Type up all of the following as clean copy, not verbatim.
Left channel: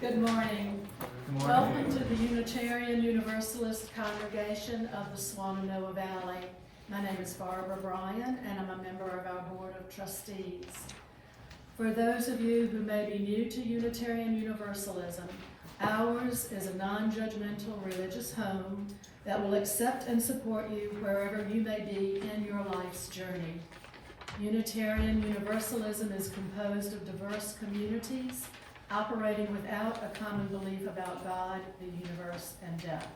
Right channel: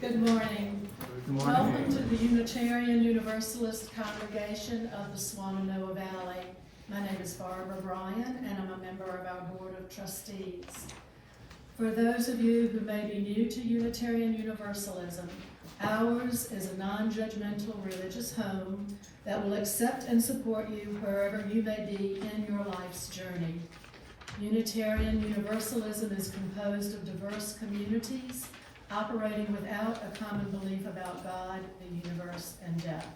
Good morning. Good morning. Welcome to the Unitarian Universalist congregation of the Swannanoa Valley. My name is Barbara Bryan, and I'm a member of our Board of Trustees. For those of you who may be new to Unitarian Universalism, ours is a non-judgmental religious home that will accept and support you wherever you may be in your life's journey. Unitarian Universalism is composed of diverse communities operating without a common belief about God, the universe, and death.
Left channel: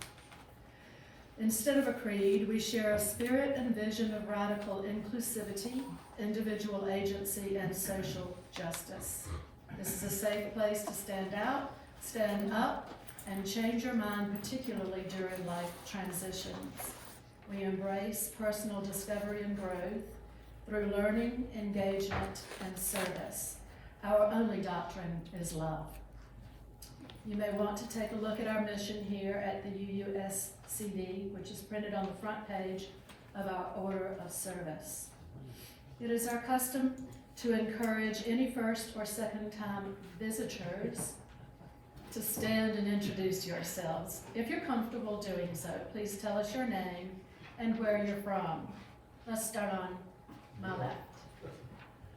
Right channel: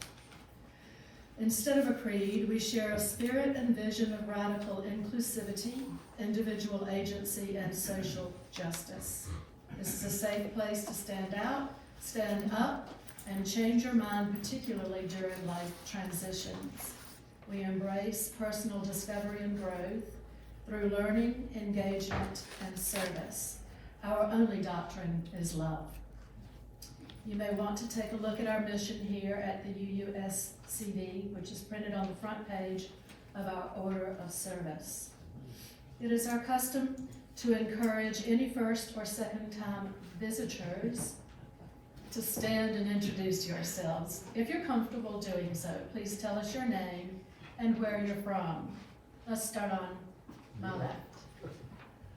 Instead of a creed, we share a spirit and vision of radical inclusivity, individual agency, and social justice. This is a safe place to stand out, stand up, and change your mind, particularly during life transitions. We embrace personal discovery and growth through learning, engagement, and service. Our only doctrine is love. You may want to take a look at our mission here at the UUSCD, which is printed on the front page of our order of service. It is our custom to encourage any first or second time visitors to stand and introduce yourselves. If you're comfortable doing so, please tell us your name and where you're from. Let's start on my left.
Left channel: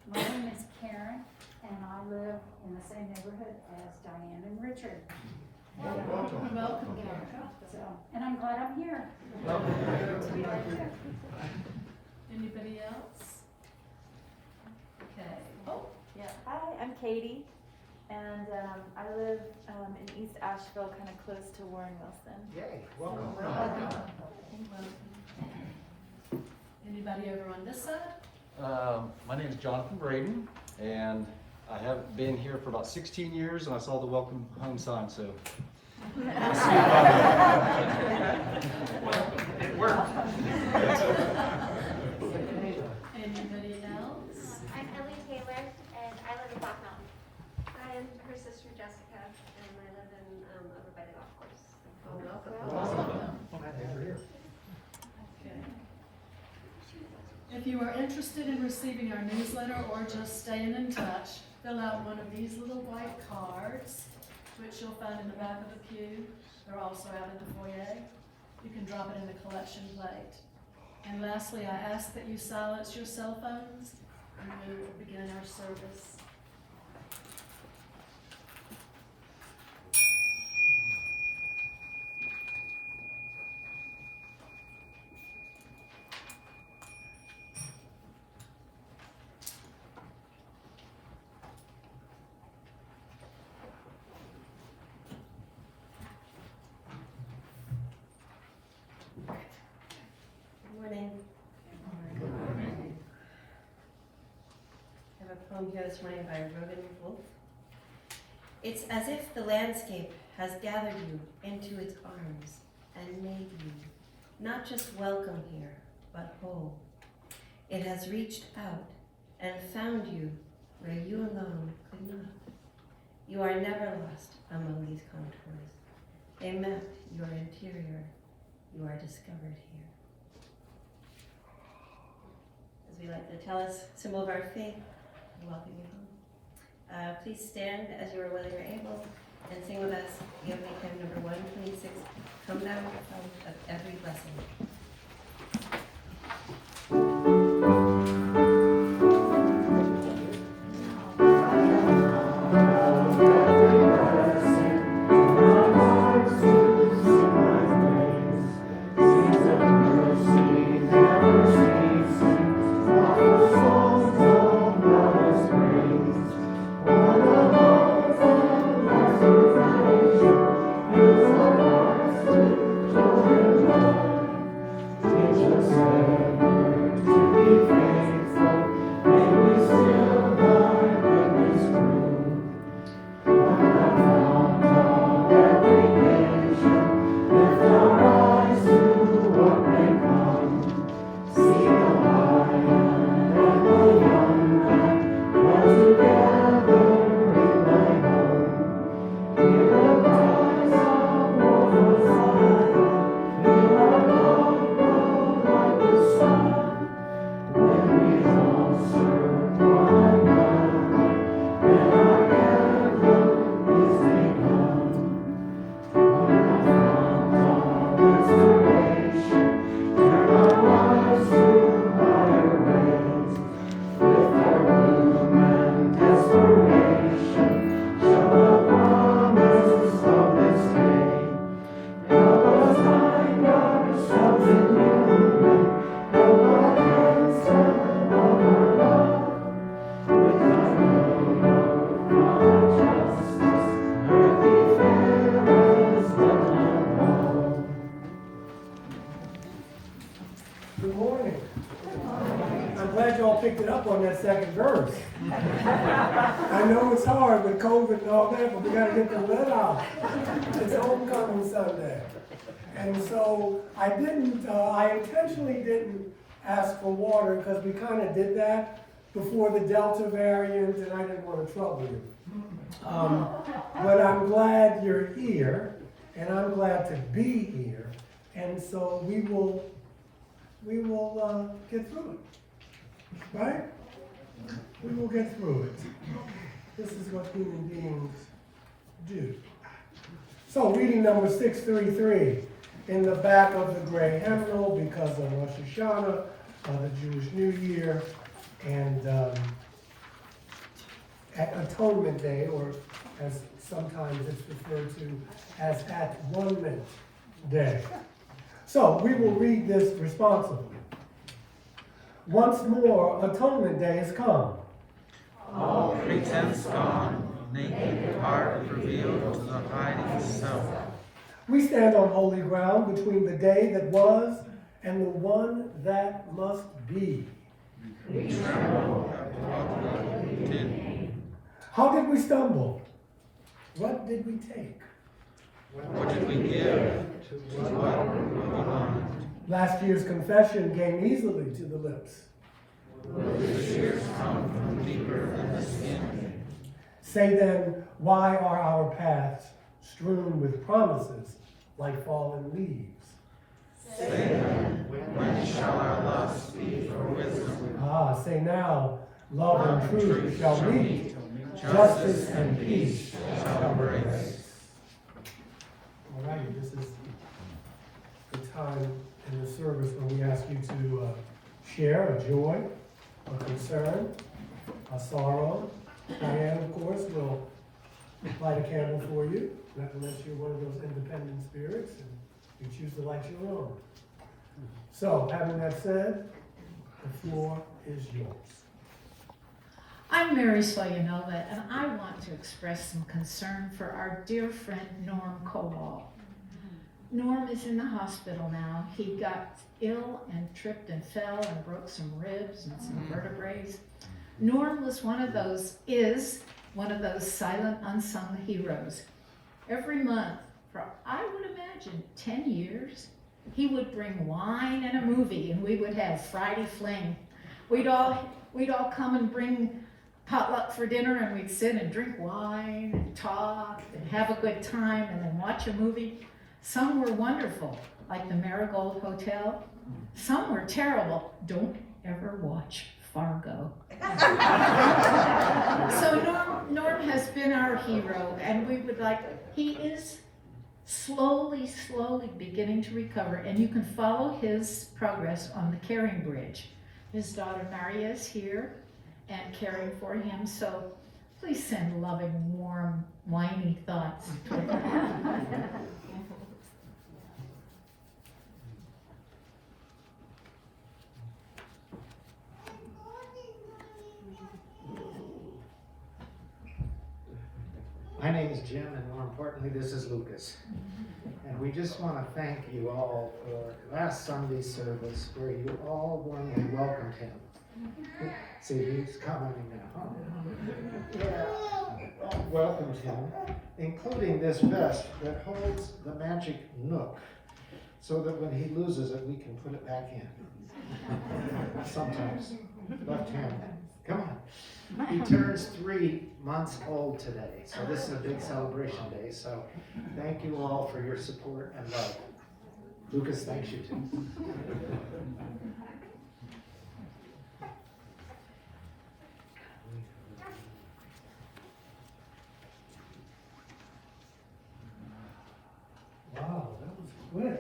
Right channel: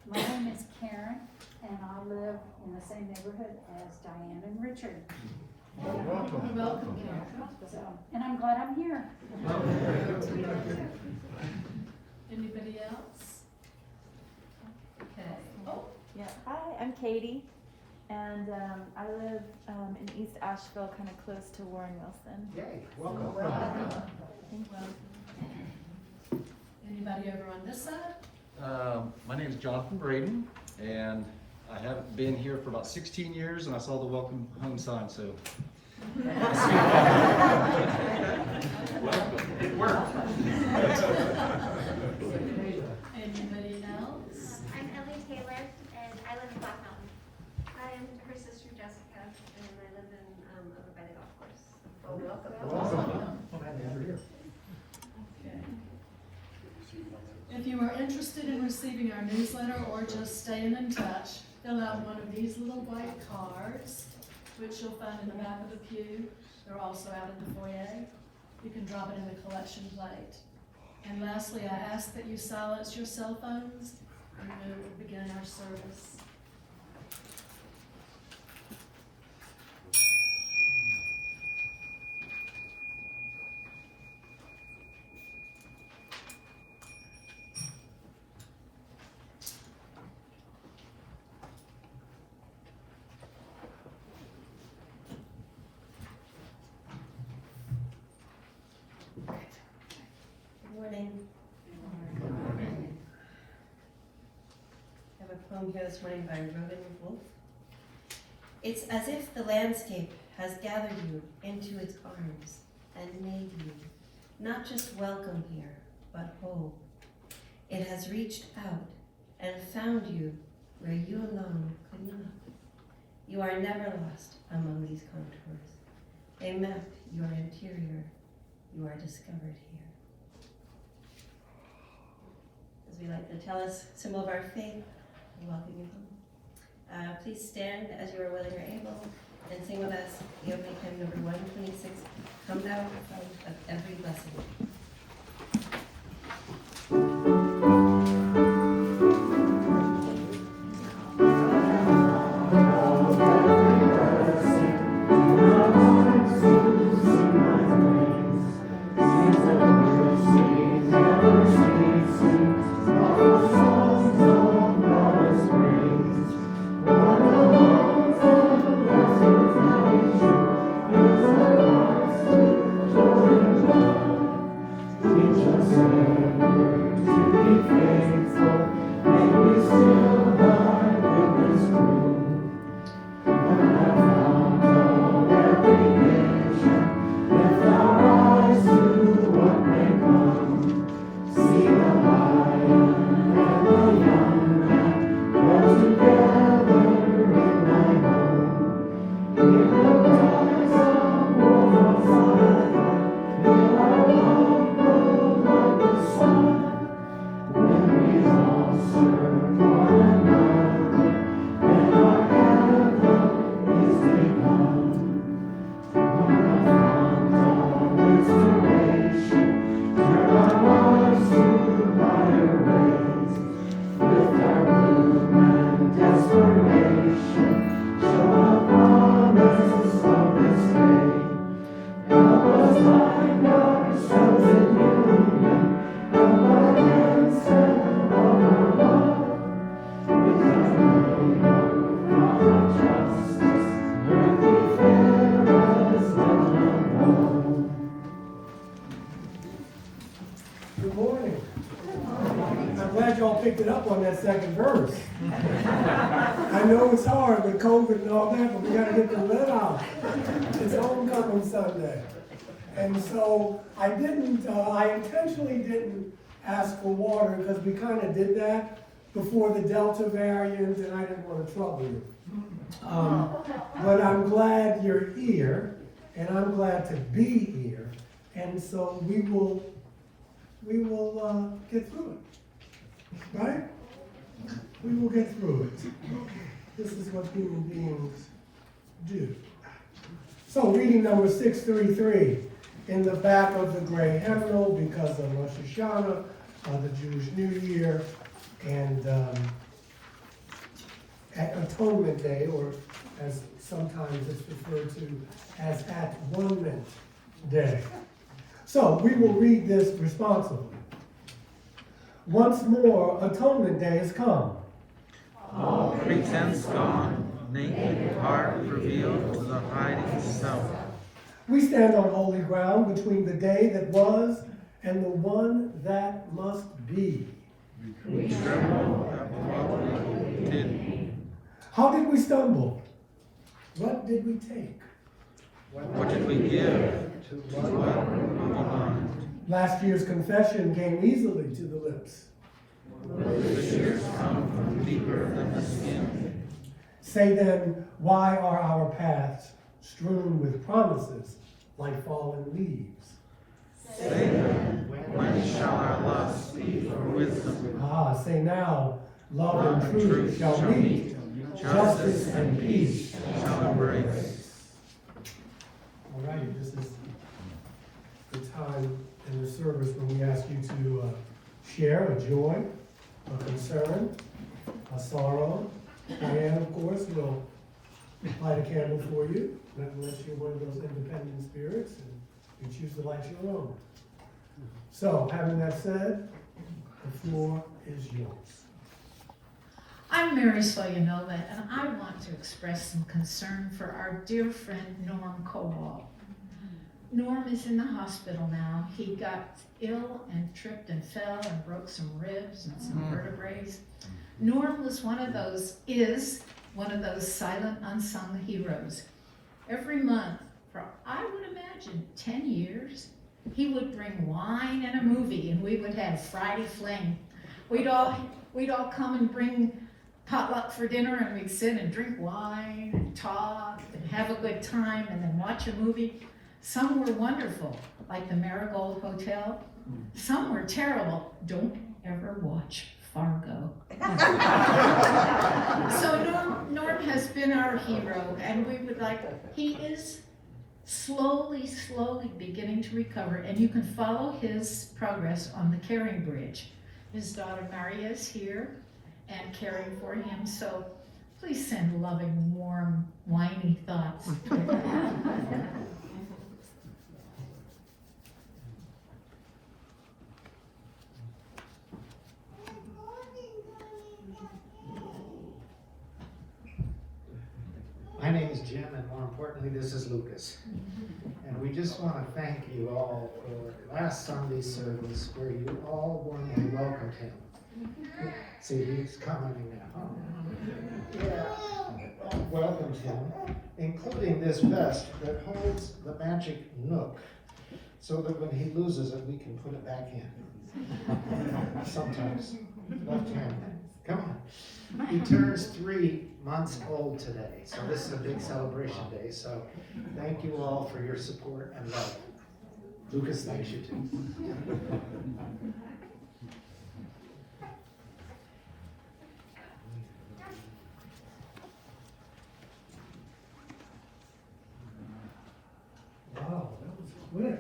My name is Karen, and I live in the same neighborhood as Diane and Richard. Welcome, Karen. So, and I'm glad I'm here. Anybody else? Okay. Oh, Yeah. Hi, I'm Katie, and I live in East Asheville, kind of close to Warren Wilson. Yay, welcome. welcome. Anybody over on this side? My name is Jonathan Braden, and I haven't been here for about 16 years, and I saw the welcome home sign, so. It worked. Anybody else? I'm Ellie Taylor, and I live in Black Mountain. I'm her sister Jessica, and I live in over by the golf course. Okay. If you are interested in receiving our newsletter or just staying in touch, fill out one of these little white cards, which you'll find in the back of the pew. They're also out in the foyer. You can drop it in the collection plate. And lastly, I ask that you silence your cell phones and we will begin our service. I have a poem here this morning by Robin Wolf. It's as if the landscape has gathered you into its arms and made you not just welcome here, but whole. It has reached out and found you where you alone could not. You are never lost among these contours. They map your interior. You are discovered here. As we like to tell us, symbol of our faith, we welcome you home. Please stand as you are willing or able and sing with us the opening hymn number 126, Come Thou Fount of Every Blessing. Thank you. picked it up on that second verse. I know it's hard with COVID and all that, but we gotta get the lead out. It's homecoming Sunday. And so I intentionally didn't ask for water because we kind of did that before the Delta variant and I didn't want to trouble you. But I'm glad you're here and I'm glad to be here. And so we will get through it, right? We will get through it. This is what human beings do. So reading number 633 in the back of the gray hymnal because of Rosh Hashanah, the Jewish New Year, and at Atonement Day, or as sometimes it's referred to as At-One-Ment Day. So we will read this responsibly. Once more, Atonement Day has come. All pretense gone, naked heart revealed to the hiding self. We stand on holy ground between the day that was and the one that must be. We tremble at what we did. How did we stumble? What did we take? What did we give to what belonged? Last year's confession came easily to the lips. The tears come from deeper than the skin. Say then, why are our paths strewn with promises like fallen leaves? Say then, when shall our lust be for wisdom? Say now, love and truth shall meet, justice and peace shall embrace. All right, this is the time in the service when we ask you to share a joy, a concern, a sorrow. Diane, of course, will light a candle for you, unless you're one of those independent spirits and you choose to light your own. So, having that said, the floor is yours. I'm Mary Soyanova, and I want to express some concern for our dear friend Norm Kowal. Norm is in the hospital now. He got ill and tripped and fell and broke some ribs and some vertebrae. Norm is one of those silent, unsung heroes. Every month, for I would imagine 10 years, he would bring wine and a movie, and we would have Friday Fling. We'd all come and bring potluck for dinner, and we'd sit and drink wine and talk and have a good time and then watch a movie. Some were wonderful, like the Marigold Hotel. Some were terrible. Don't ever watch Fargo. So Norm has been our hero, and we would he is slowly beginning to recover, and you can follow his progress on the caring bridge. His daughter Maria is here and caring for him, so please send loving, warm, whiny thoughts. My name is Jim, and more importantly, this is Lucas. And we just want to thank you all for last Sunday's service where you all warmly welcomed him. See, he's commenting now. Welcomed him, including this vest that holds the magic nook so that when he loses it, we can put it back in. Sometimes left-handed. Come on. He turns 3 months old today, so this is a big celebration day. So thank you all for your support and love. Lucas thanks you too. Wow, that was quick.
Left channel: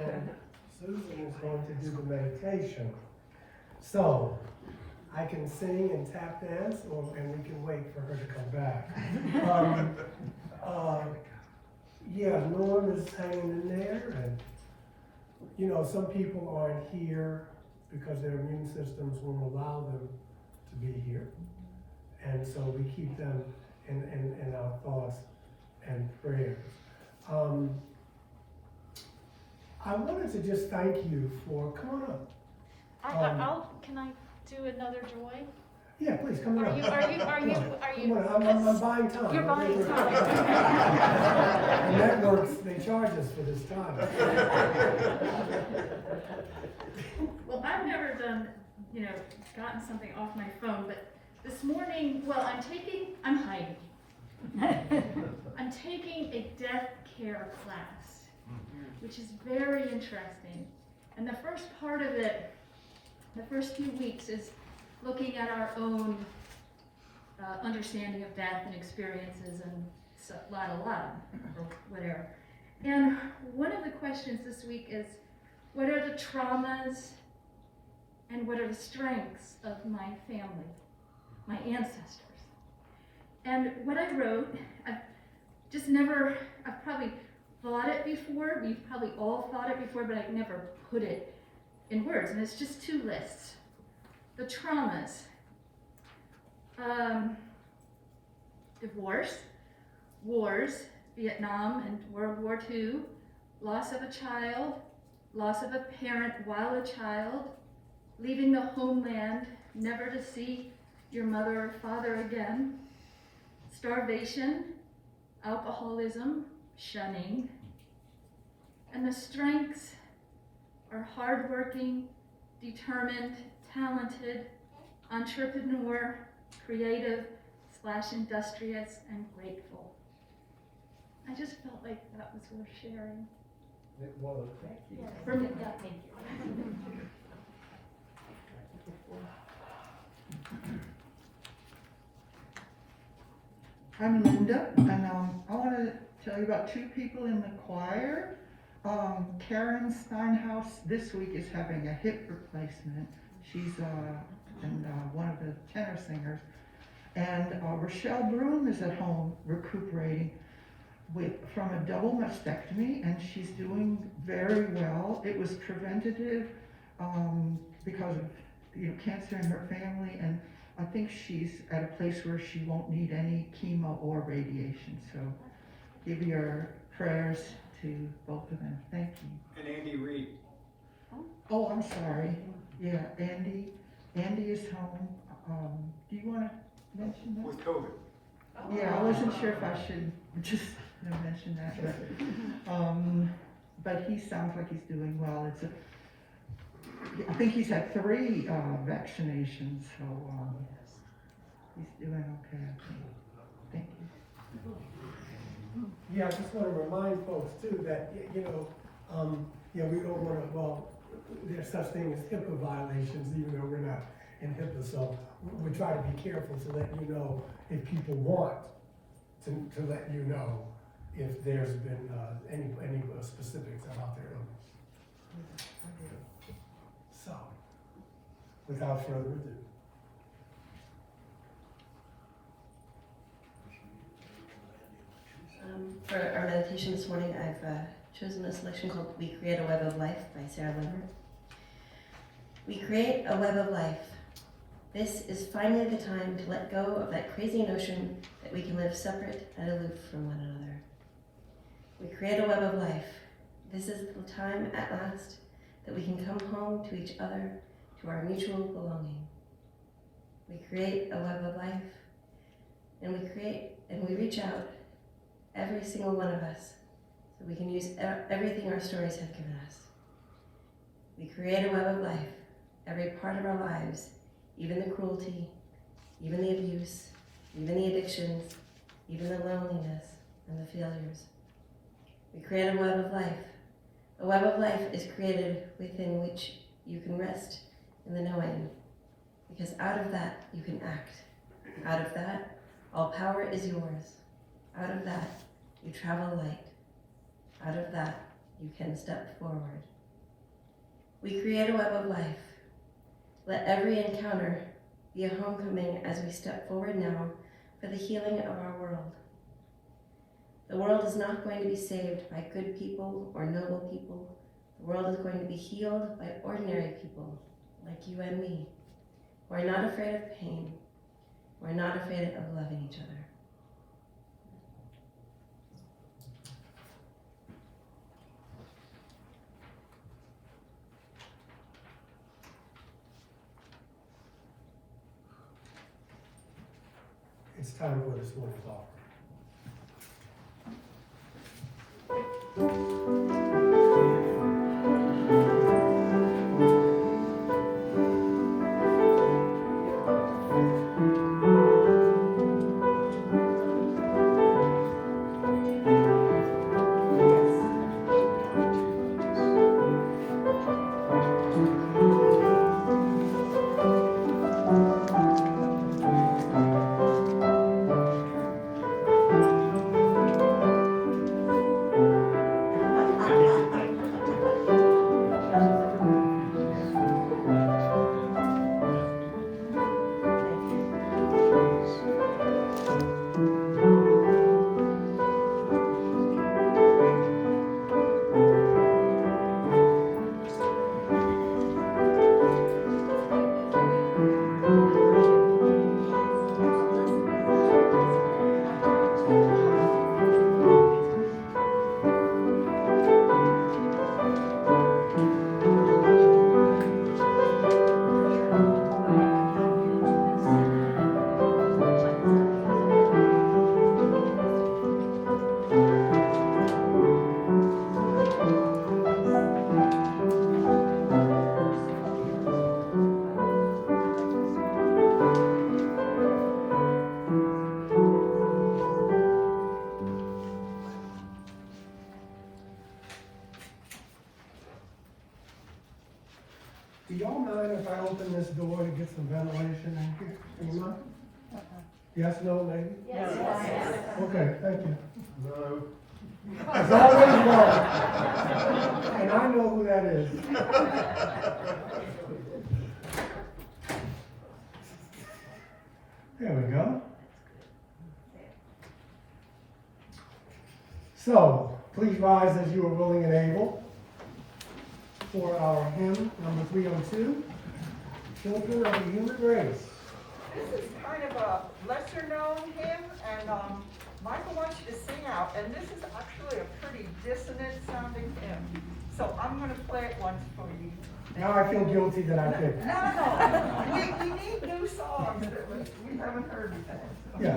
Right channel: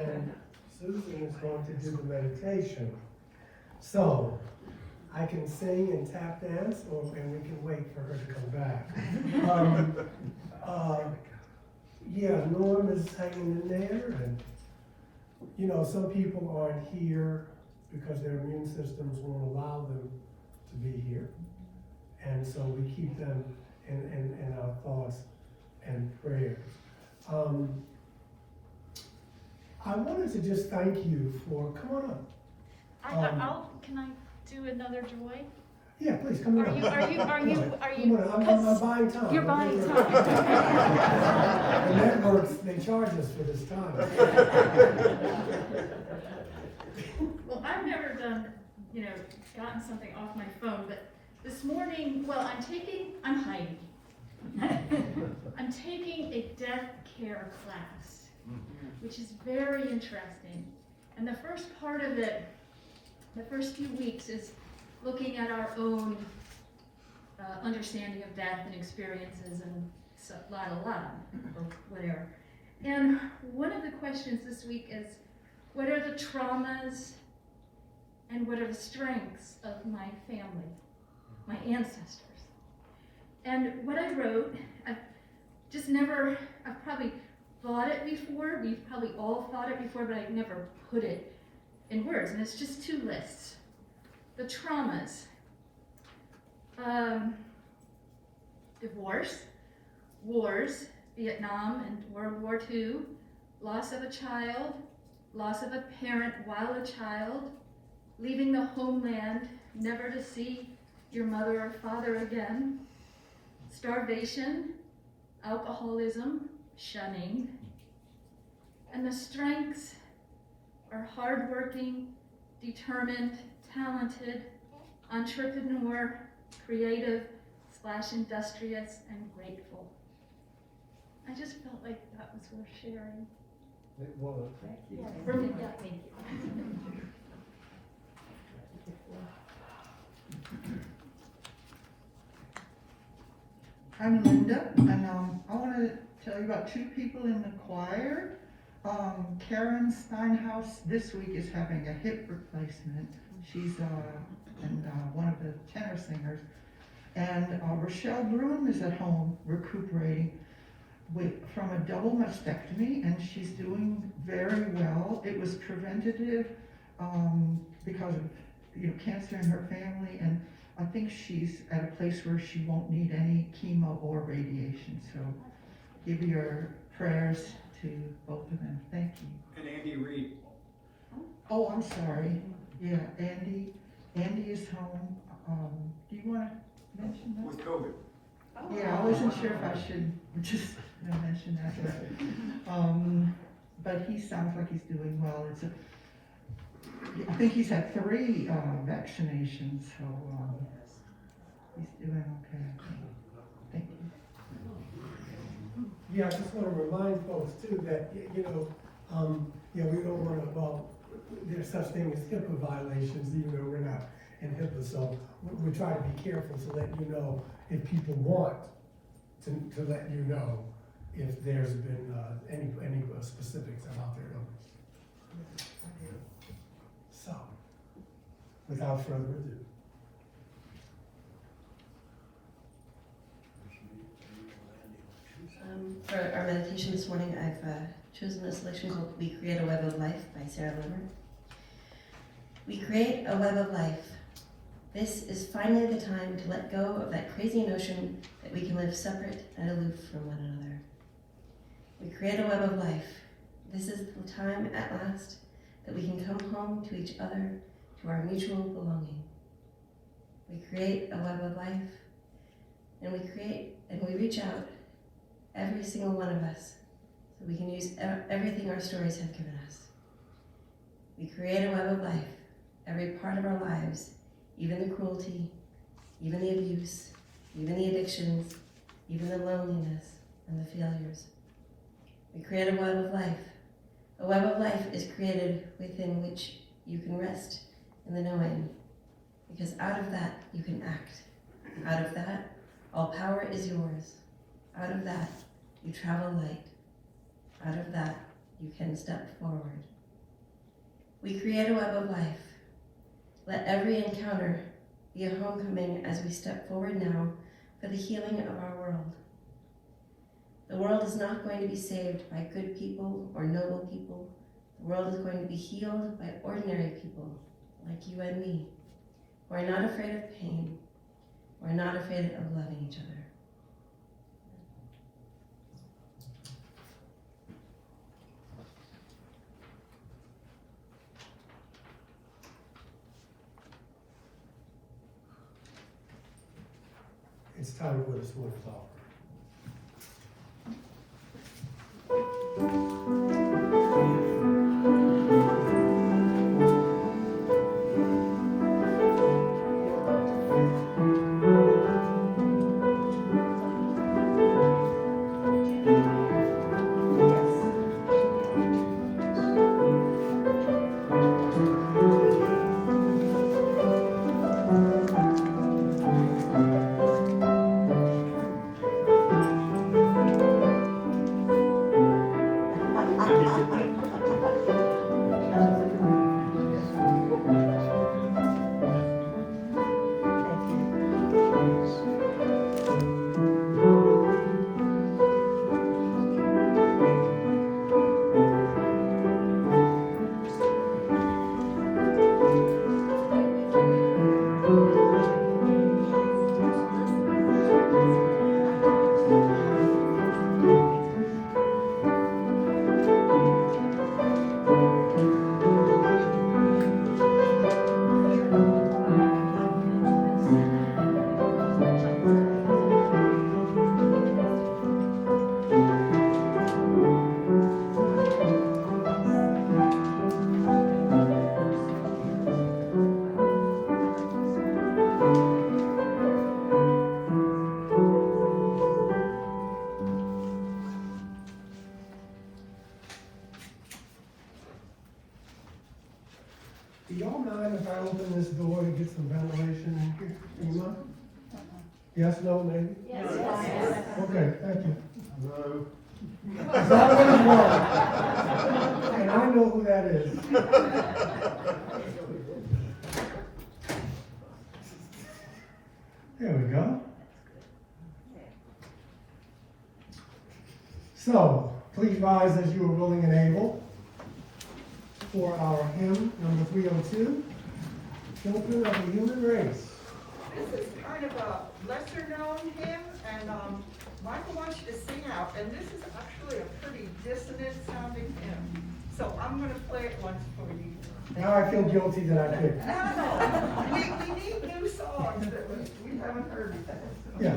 And Susan is going to do the meditation. So, I can sing and tap dance, and we can wait for her to come back. Yeah, Norm is hanging in there, and some people aren't here because their immune systems won't allow them to be here, and so we keep them in our thoughts and prayers. I wanted to just thank you for, come on up. Can I do another joy? Yeah, please, come on. Are you, Come on, I'm cause buying time. you're buying The time. networks, they charge us for this time. Well, I've never done, gotten something off my phone, but this morning, I'm hiding. I'm taking a death care class, which is very interesting. And the first part of it, the first few weeks, is looking at our own understanding of death and experiences and lot, or whatever. And one of the questions this week is, what are the traumas and what are the strengths of my family, my ancestors? And what I wrote, I've probably thought it before, we've probably all thought it before, but I've never put it in words, and it's just 2 lists. The traumas, divorce, wars, Vietnam and World War II, loss of a child, loss of a parent while a child, leaving the homeland, never to see your mother or father again, starvation, alcoholism, shunning. And the strengths are hardworking, determined, talented, entrepreneur, creative, /industrious, and grateful. I just felt like that was worth sharing. It was. For me, yeah. Thank you. I'm Linda, and I want to tell you about 2 people in the choir. Karen Steinhaus this week is having a hip replacement. She's one of the tenor singers. And Rochelle Broom is at home recuperating from a double mastectomy, and she's doing very well. It was preventative because of cancer in her family, and I think she's at a place where she won't need any chemo or radiation. So give your prayers to both of them. Thank you. And Andy Reid. Oh, I'm sorry. Yeah, Andy is home. Do you want to mention that? With COVID. Yeah, I wasn't sure if I should just mention that. But he sounds like he's doing well. I think he's had 3 vaccinations, so he's doing okay. Thank you. Yeah, I just want to remind folks too that, we don't want to, there's such thing as HIPAA violations, even though we're not in HIPAA, so we try to be careful to let you know if people want to let you know if there's been any specifics about their illness. So, without further ado. For our meditation this morning, I've chosen a selection called We Create a Web of Life by Sarah Limmer. We create a web of life. This is finally the time to let go of that crazy notion that we can live separate and aloof from one another. We create a web of life. This is the time at last that we can come home to each other, to our mutual belonging. We create a web of life, and we reach out, every single one of us, so we can use everything our stories have given us. We create a web of life, every part of our lives, even the cruelty, even the abuse, even the addictions, even the loneliness and the failures. We create a web of life. A web of life is created within which you can rest in the knowing, because out of that you can act. Out of that, all power is yours. Out of that, you travel light. Out of that, you can step forward. We create a web of life. Let every encounter be a homecoming as we step forward now for the healing of our world. The world is not going to be saved by good people or noble people. The world is going to be healed by ordinary people like you and me, who are not afraid of pain, who are not afraid of loving each other. it's time for the smoke talk. Do y'all mind if I open this door to get some ventilation in here? Do you mind? Yes, no, maybe? Yes. Okay, thank you. No. It's always one. And I know who that is. There we go. So, please rise as you are willing and able for our hymn number 302, Children of the Human Race. This is kind of a lesser known hymn, and Michael wants you to sing out, and this is actually a pretty dissonant sounding hymn. So I'm gonna play it once for you. Now I feel guilty that I picked. No. We need new songs that we haven't heard before. Yeah.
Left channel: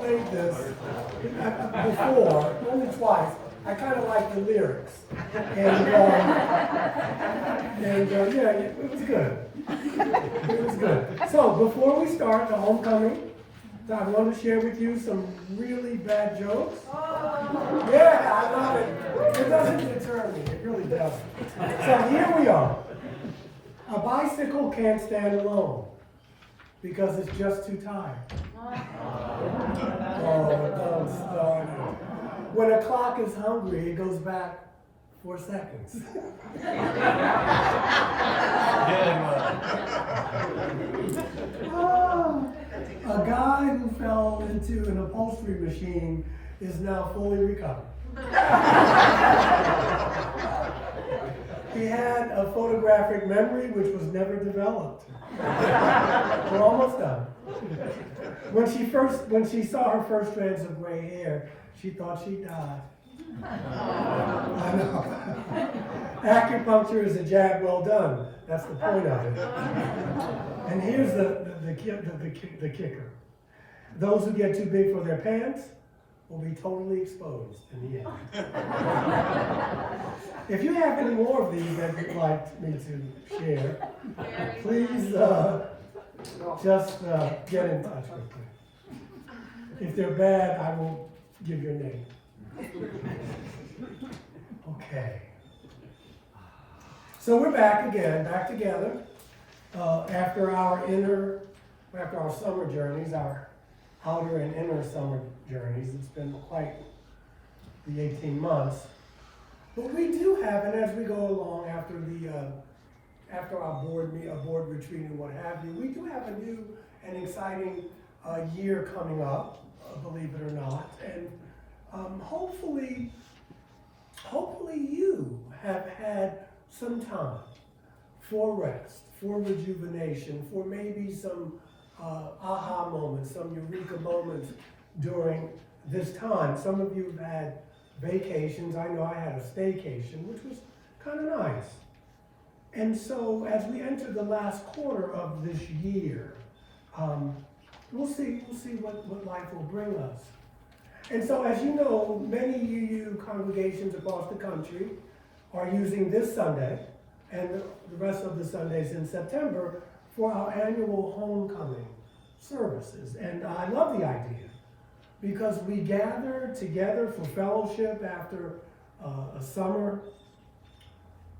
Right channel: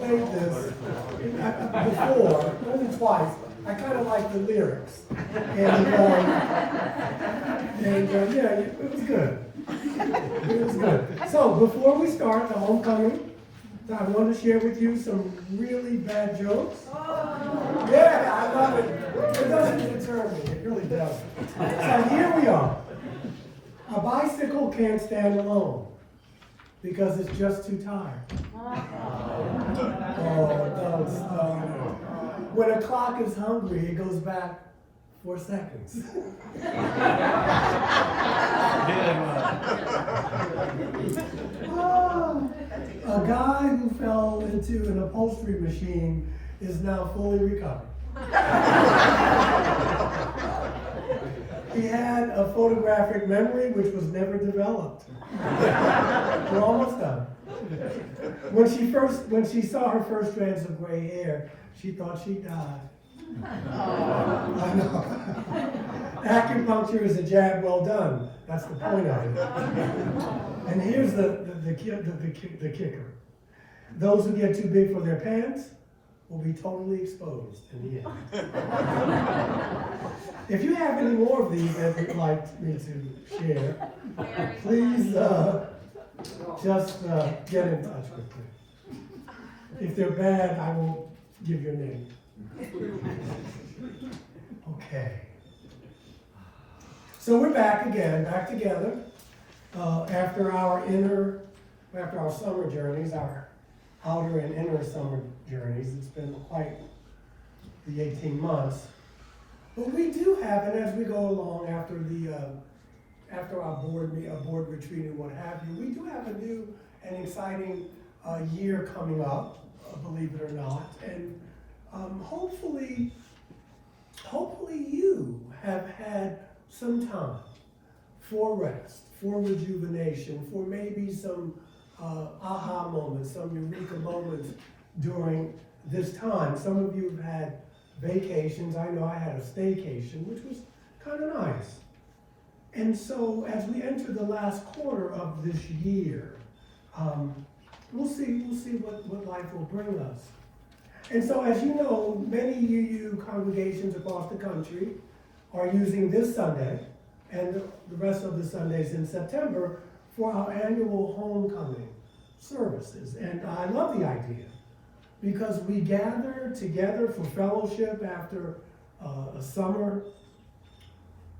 Played this before, only twice. I kind of like the lyrics. And yeah, it was good. It was good. So before we start the homecoming, I want to share with you some really bad jokes. Yeah, I love it. It doesn't deter me. It really does. So here we are. A bicycle can't stand alone because it's just too tired. Oh, don't start it. When a clock is hungry, it goes back 4 seconds. A guy who fell into an upholstery machine is now fully recovered. He had a photographic memory which was never developed. We're almost done. When she saw her first strands of gray hair, she thought she died. I know. Acupuncture is a jab well done. That's the point of it. And here's the kicker. Those who get too big for their pants will be totally exposed in the end. If you have any more of these that you'd like me to share, please just get in touch with me. If they're bad, I won't give your name. Okay. So we're back again, back together, after our summer journeys, our outer and inner summer journeys. It's been quite the 18 months. But we do have, and as we go along after our board retreat and what have you, we do have a new and exciting year coming up, believe it or not. And hopefully you have had some time for rest, for rejuvenation, for maybe some aha moments, some eureka moments during this time. Some of you have had vacations. I know I had a staycation, which was kind of nice. And so as we enter the last quarter of this year, we'll see what life will bring us. And so as you know, many UU congregations across the country are using this Sunday and the rest of the Sundays in September for our annual homecoming services. And I love the idea because we gather together for fellowship after a summer,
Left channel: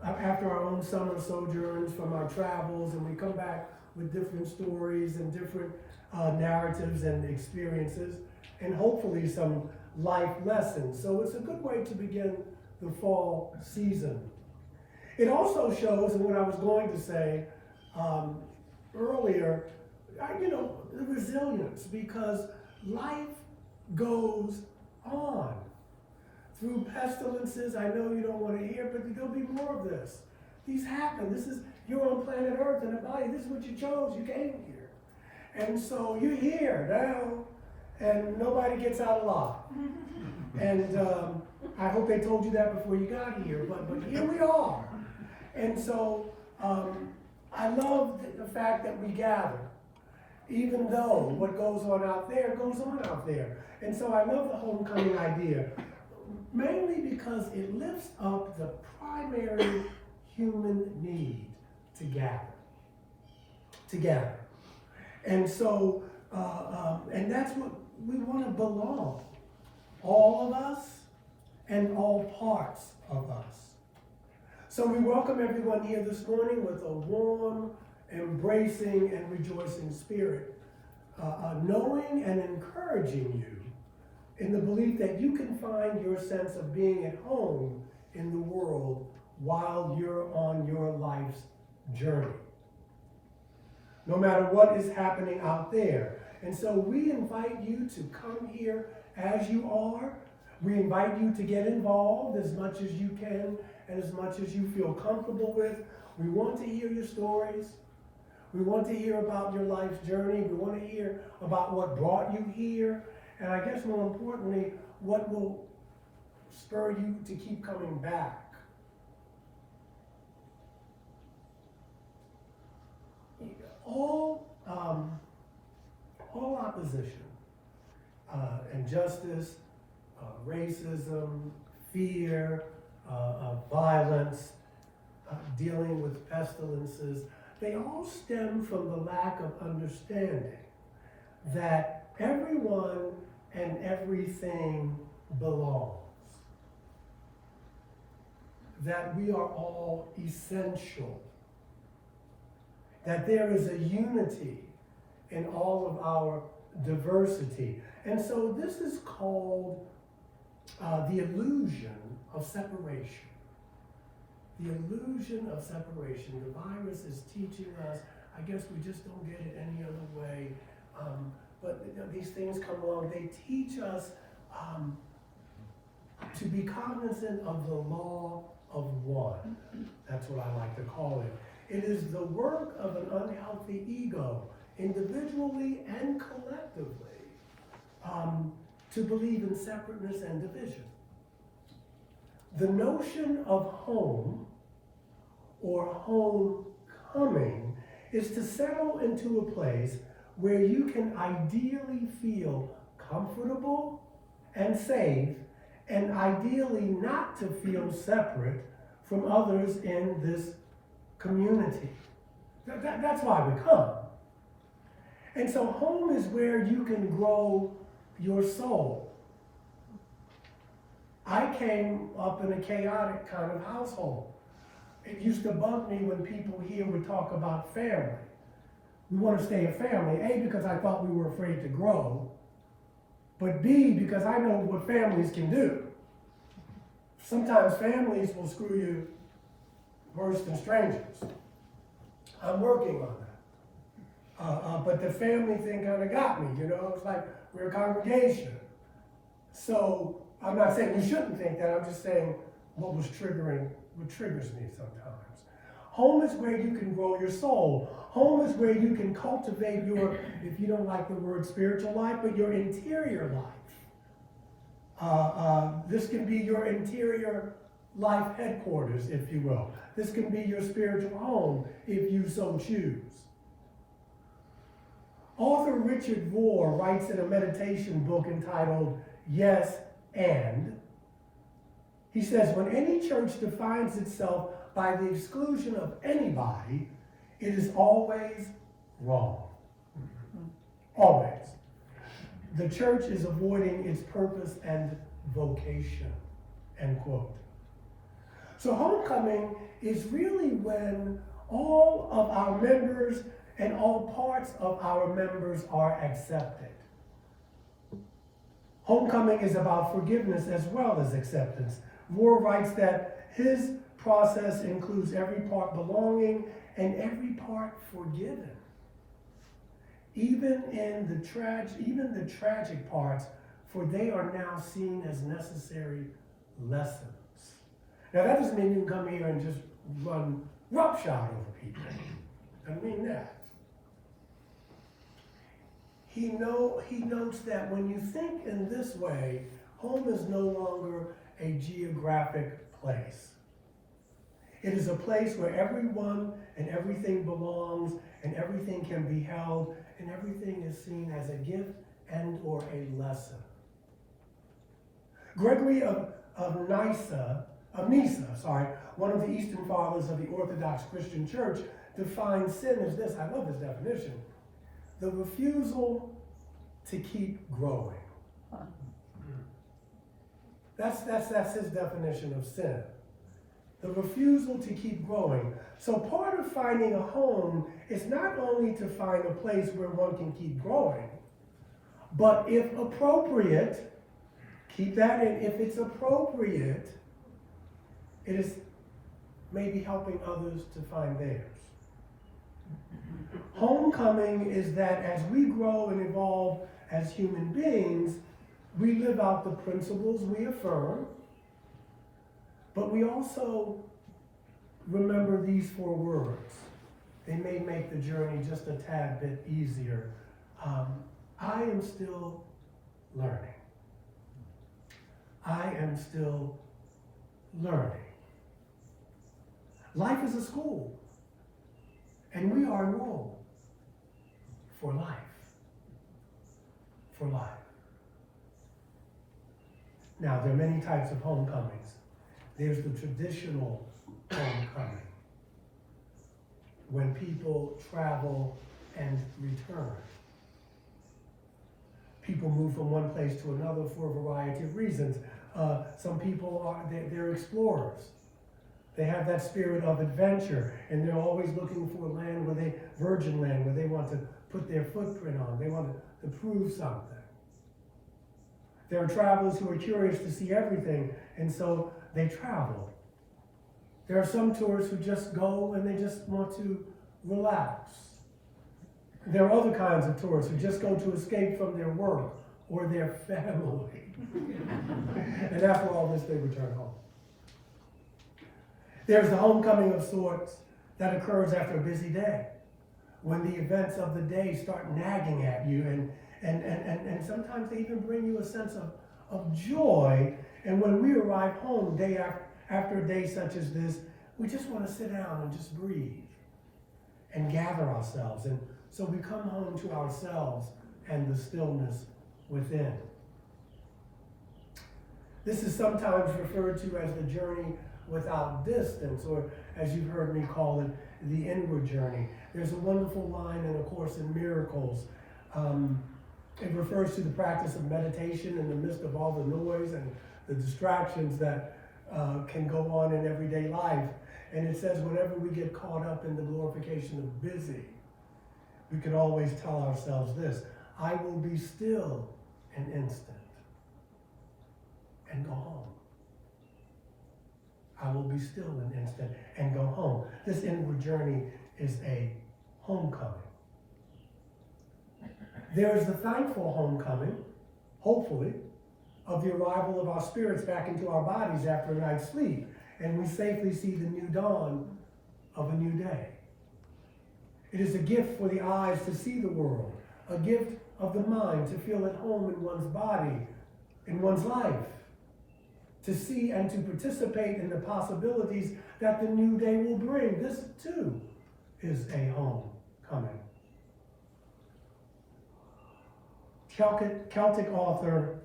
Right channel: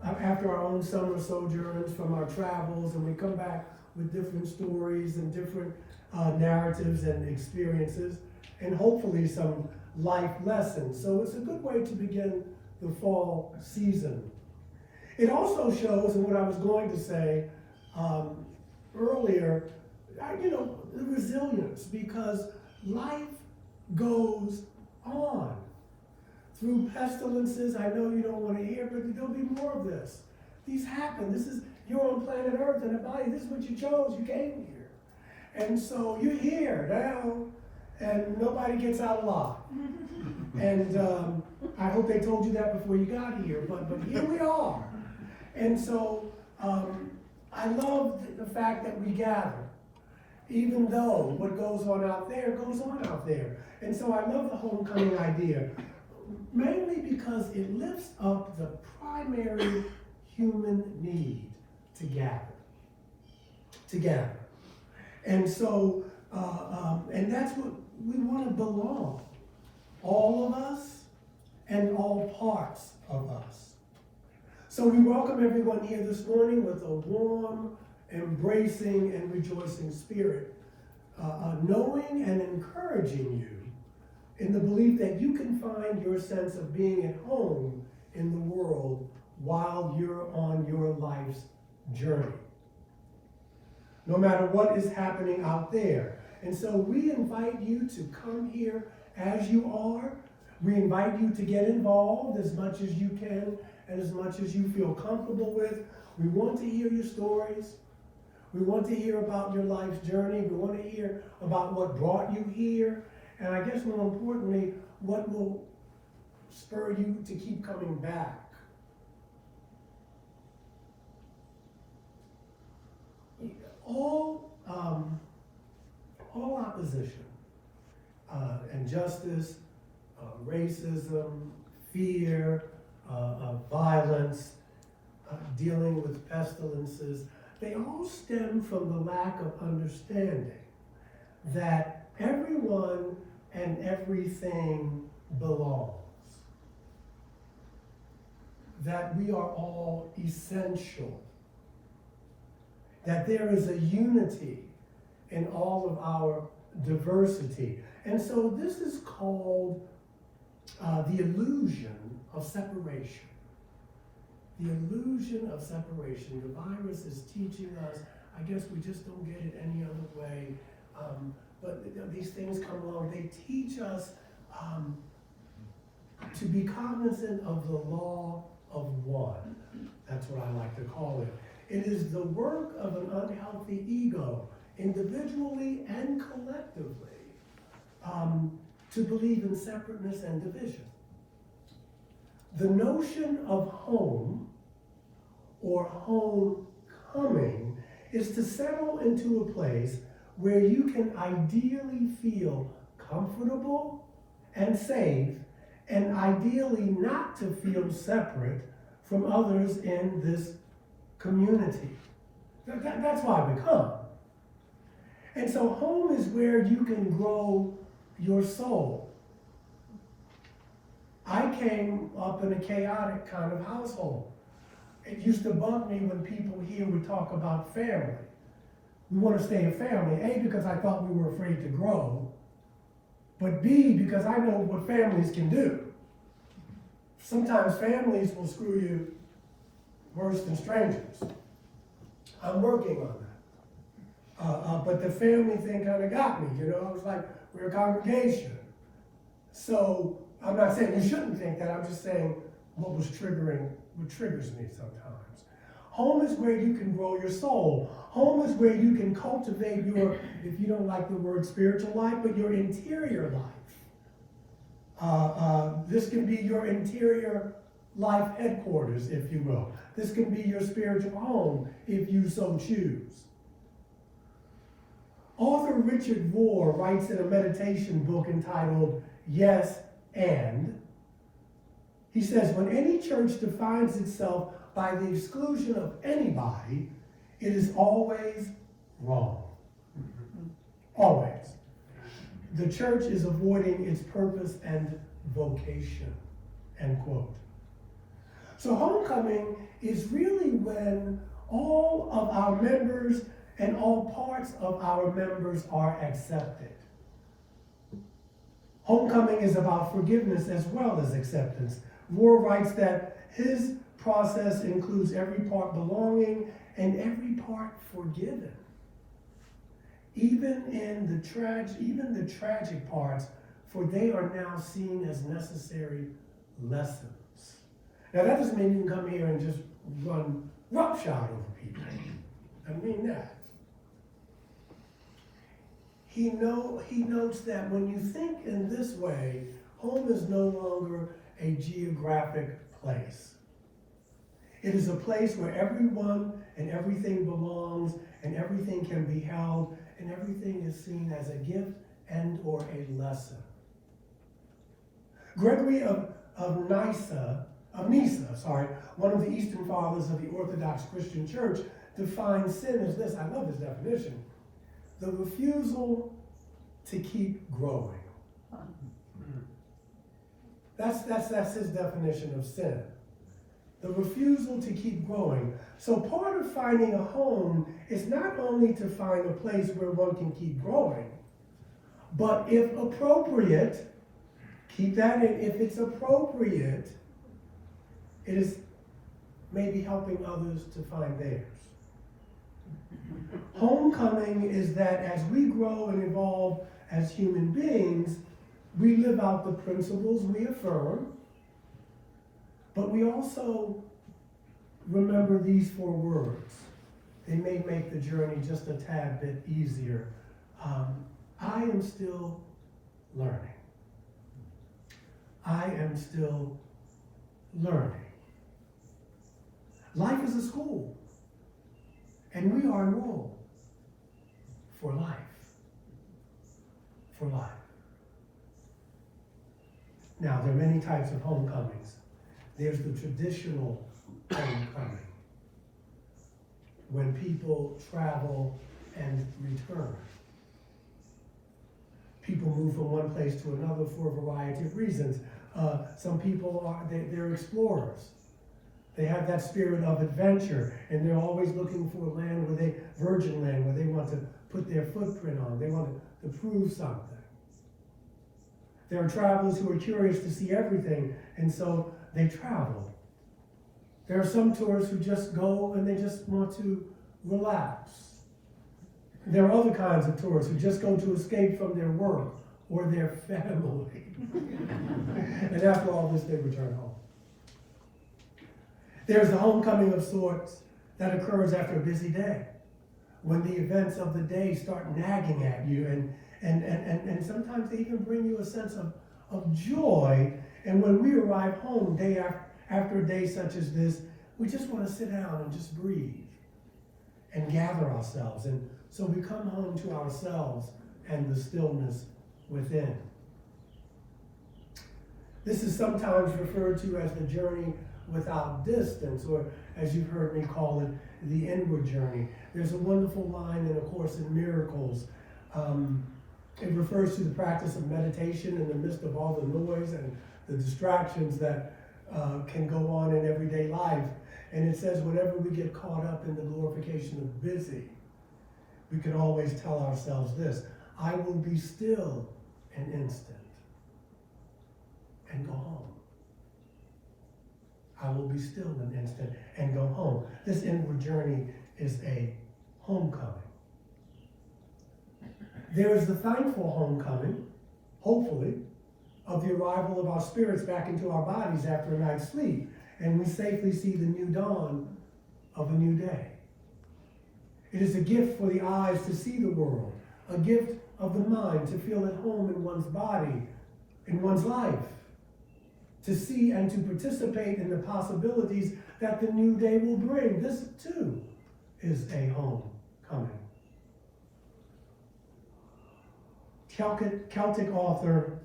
after our own summer sojourns from our travels, and we come back with different stories and different narratives and experiences, and hopefully some life lessons. So it's a good way to begin the fall season. It also shows, and what I was going to say earlier, the resilience, because life goes on. Through pestilences, I know you don't want to hear, but there'll be more of this. These happen. You're on planet Earth in a body. This is what you chose. You came here. And so you're here now, and nobody gets out alive. And I hope they told you that before you got here, but here we are. And so I love the fact that we gather, even though what goes on out there goes on out there. And so I love the homecoming idea, mainly because it lifts up the primary human need to gather. And so, and that's what we want to belong. All of us and all parts of us. So we welcome everyone here this morning with a warm, embracing, and rejoicing spirit, knowing and encouraging you in the belief that you can find your sense of being at home in the world while you're on your life's journey, no matter what is happening out there. And so we invite you to come here as you are. We invite you to get involved as much as you can and as much as you feel comfortable with. We want to hear your stories. We want to hear about your life's journey. We want to hear about what brought you here. And I guess more importantly, what will spur you to keep coming back. All opposition, injustice, racism, fear, of violence, dealing with pestilences, they all stem from the lack of understanding that everyone and everything belongs. That we are all essential. That there is a unity in all of our diversity. And so this is called the illusion of separation. The illusion of separation. The virus is teaching us, I guess we just don't get it any other way. But these things come along, they teach us to be cognizant of the law of one. That's what I like to call it. It is the work of an unhealthy ego, individually and collectively, to believe in separateness and division. The notion of home or homecoming is to settle into a place where you can ideally feel comfortable and safe, and ideally not to feel separate from others in this community. That's why we come. And so home is where you can grow your soul. I came up in a chaotic kind of household. It used to bug me when people here would talk about family. We want to stay a family, A, because I thought we were afraid to grow, but B, because I know what families can do. Sometimes families will screw you worse than strangers. I'm working on that. But the family thing kind of got me, you know? It's like we're a congregation. So I'm not saying you shouldn't think that, I'm just saying what triggers me sometimes. Home is where you can grow your soul. Home is where you can cultivate your, if you don't like the word spiritual life, but your interior life. This can be your interior life headquarters, if you will. This can be your spiritual home, if you so choose. Author Richard Rohr writes in a meditation book entitled Yes and, he says, when any church defines itself by the exclusion of anybody, it is always wrong. Always. The church is avoiding its purpose and vocation, end quote. So homecoming is really when all of our members and all parts of our members are accepted. Homecoming is about forgiveness as well as acceptance. Rohr writes that his process includes every part belonging and every part forgiven. Even the tragic parts, for they are now seen as necessary lessons. Now that doesn't mean you can come here and just run roughshod over people. I mean that. He notes that when you think in this way, home is no longer a geographic place. It is a place where everyone and everything belongs, and everything can be held, and everything is seen as a gift and or a lesson. Gregory of Nyssa, one of the Eastern Fathers of the Orthodox Christian Church, defines sin as this. I love this definition. The refusal to keep growing. That's his definition of sin. The refusal to keep growing. So part of finding a home is not only to find a place where one can keep growing, but if appropriate, keep that in, if it's appropriate, it is maybe helping others to find theirs. Homecoming is that as we grow and evolve as human beings, we live out the principles we affirm, but we also remember these 4 words. They may make the journey just a tad bit easier. I am still learning. I am still learning. Life is a school, and we are enrolled for life. For life. Now, there are many types of homecomings. There's the traditional homecoming, when people travel and return. People move from one place to another for a variety of reasons. Some people they're explorers. They have that spirit of adventure, and they're always looking for a land virgin land, where they want to put their footprint on. They want to prove something. There are travelers who are curious to see everything, and so they travel. There are some tourists who just go and they just want to relax. There are other kinds of tourists who just go to escape from their work or their family. And after all this, they return home. There's the homecoming of sorts that occurs after a busy day, when the events of the day start nagging at you, and sometimes they even bring you a sense of joy. And when we arrive home day after a day such as this, we just want to sit down and just breathe and gather ourselves. And so we come home to ourselves and the stillness within. This is sometimes referred to as the journey without distance, or as you've heard me call it, the inward journey. There's a wonderful line in A Course in Miracles. It refers to the practice of meditation in the midst of all the noise and the distractions that can go on in everyday life. And it says, whenever we get caught up in the glorification of busy, we can always tell ourselves this: I will be still an instant and go home. I will be still an instant and go home. This inward journey is a homecoming. There is the thankful homecoming, hopefully, of the arrival of our spirits back into our bodies after a night's sleep, and we safely see the new dawn of a new day. It is a gift for the eyes to see the world, a gift of the mind to feel at home in one's body, in one's life, to see and to participate in the possibilities that the new day will bring. This, too, is a homecoming. Celtic author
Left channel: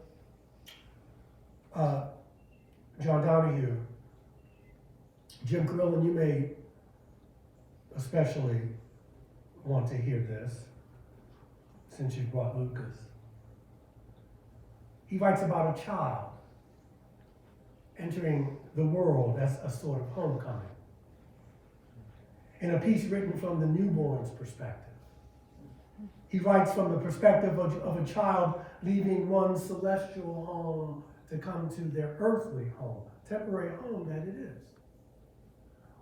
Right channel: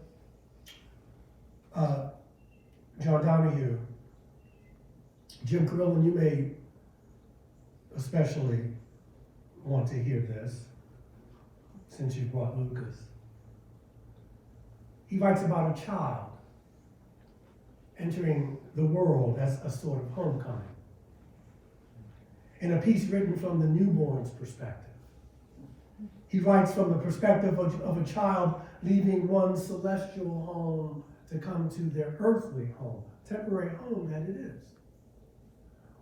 John Donahue, Jim Carillon, you may especially want to hear this, since you brought Lucas. He writes about a child entering the world as a sort of homecoming, in a piece written from the newborn's perspective. He writes from the perspective of a child leaving one celestial home to come to their earthly home, temporary home that it is.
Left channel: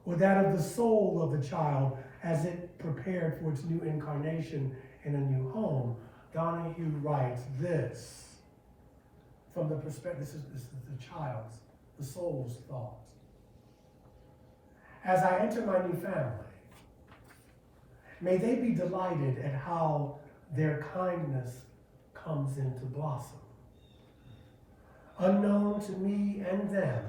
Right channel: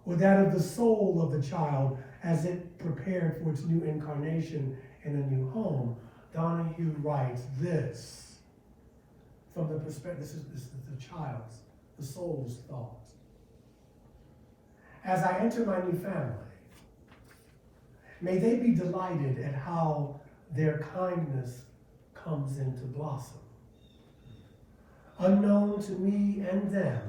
Or that of the soul of the child as it prepared for its new incarnation in a new home. Donahue writes this from the perspective, this is the child's, the soul's thoughts. As I enter my new family, may they be delighted at how their kindness comes into blossom. Unknown to me and them,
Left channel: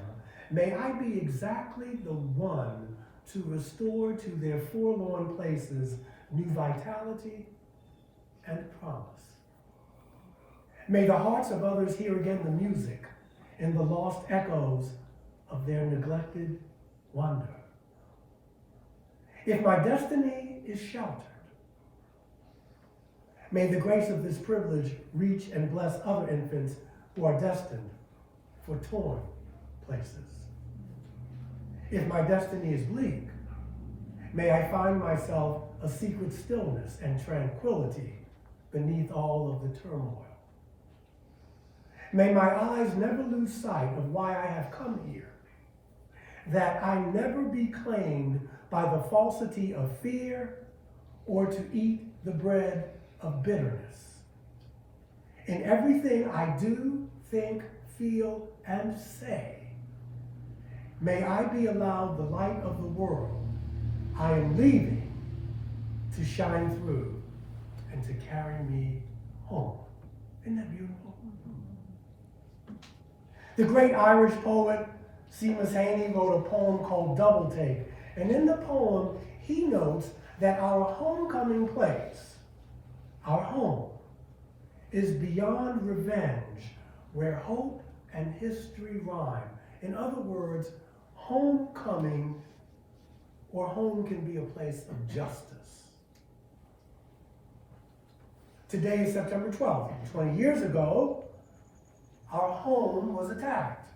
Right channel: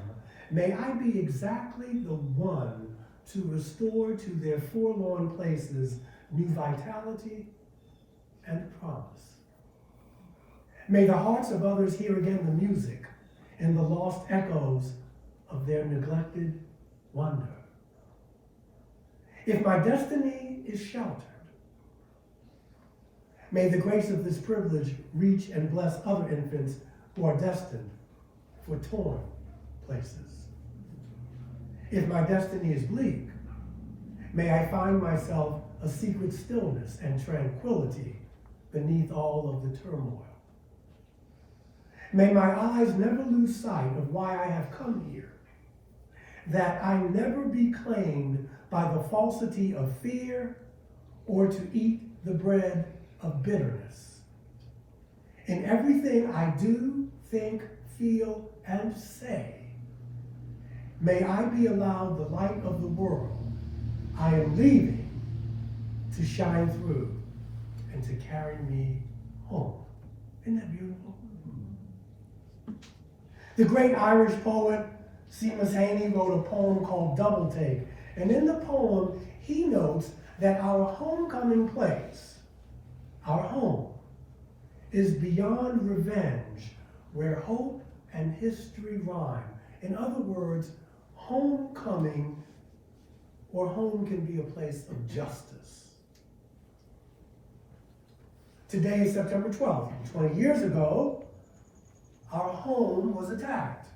may I be exactly the one to restore to their forlorn places new vitality and promise. May the hearts of others hear again the music and the lost echoes of their neglected wonder. If my destiny is sheltered, may the grace of this privilege reach and bless other infants who are destined for torn places. If my destiny is bleak, may I find myself a secret stillness and tranquility beneath all of the turmoil. May my eyes never lose sight of why I have come here, that I never be claimed by the falsity of fear or to eat the bread of bitterness. In everything I do, think, feel, and say, may I be allowed the light of the world I am leaving to shine through and to carry me home. Isn't that beautiful? The great Irish poet Seamus Heaney wrote a poem called Double Take. And in the poem, he notes that our homecoming place, our home, is beyond revenge, where hope and history rhyme. In other words, homecoming or home can be a place of justice. Today is September 12th. 20 years ago, our home was attacked.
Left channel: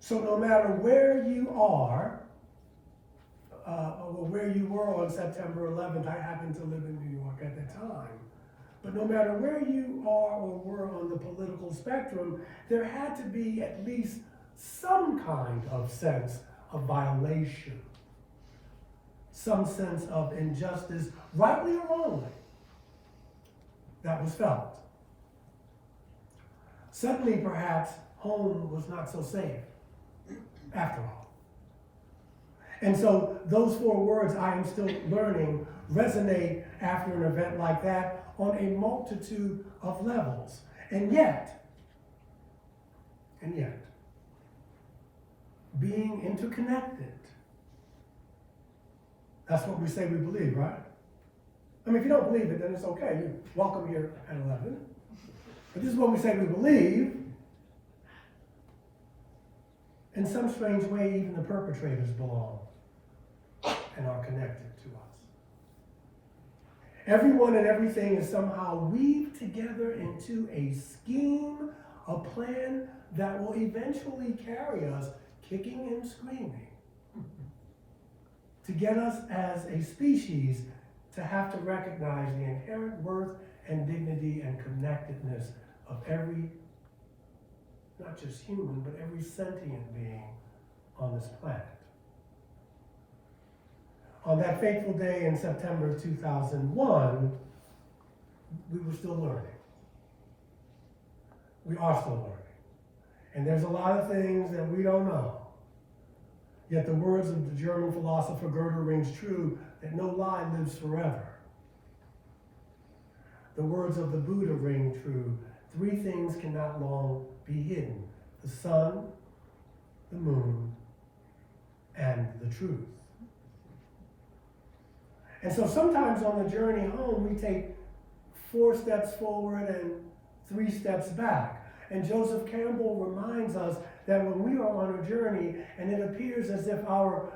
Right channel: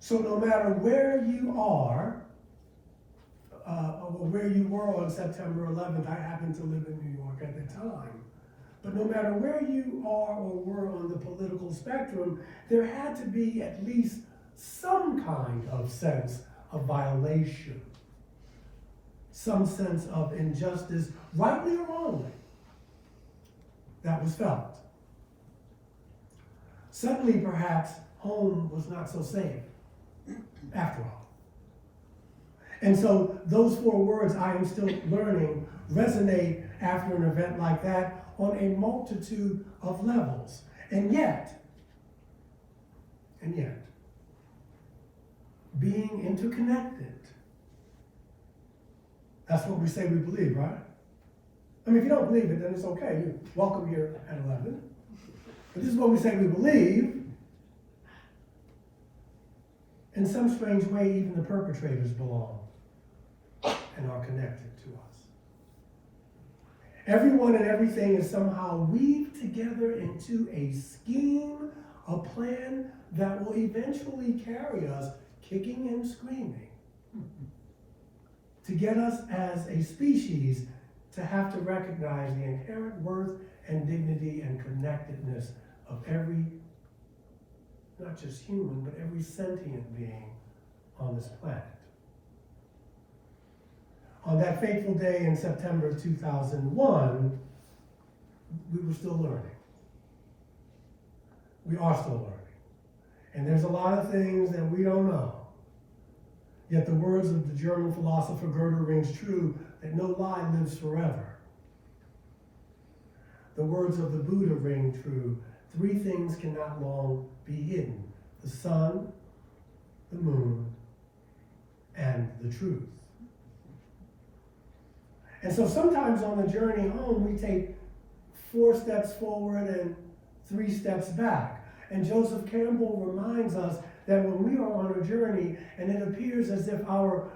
So no matter where you are, or where you were on September 11th, I happened to live in New York at the time, but no matter where you are or were on the political spectrum, there had to be at least some kind of sense of violation, some sense of injustice, rightly or wrongly, that was felt. Suddenly, perhaps, home was not so safe, after all. And so those 4 words, I am still learning, resonate after an event like that on a multitude of levels. And yet, being interconnected, that's what we say we believe, right? I mean, if you don't believe it, then it's okay. You're welcome here at 11. But this is what we say we believe. In some strange way, even the perpetrators belong and are connected to us. Everyone and everything is somehow weaved together into a scheme, a plan that will eventually carry us kicking and screaming to get us as a species to have to recognize the inherent worth and dignity and connectedness of every, not just human, but every sentient being on this planet. On that fateful day in September 2001, we were still learning. We are still learning. And there's a lot of things that we don't know. Yet the words of the German philosopher Goethe rings true, that no lie lives forever. The words of the Buddha ring true, 3 things cannot long be hidden: the sun, the moon, and the truth. And so sometimes on the journey home, we take 4 steps forward and 3 steps back. And Joseph Campbell reminds us that when we are on a journey and it appears as if our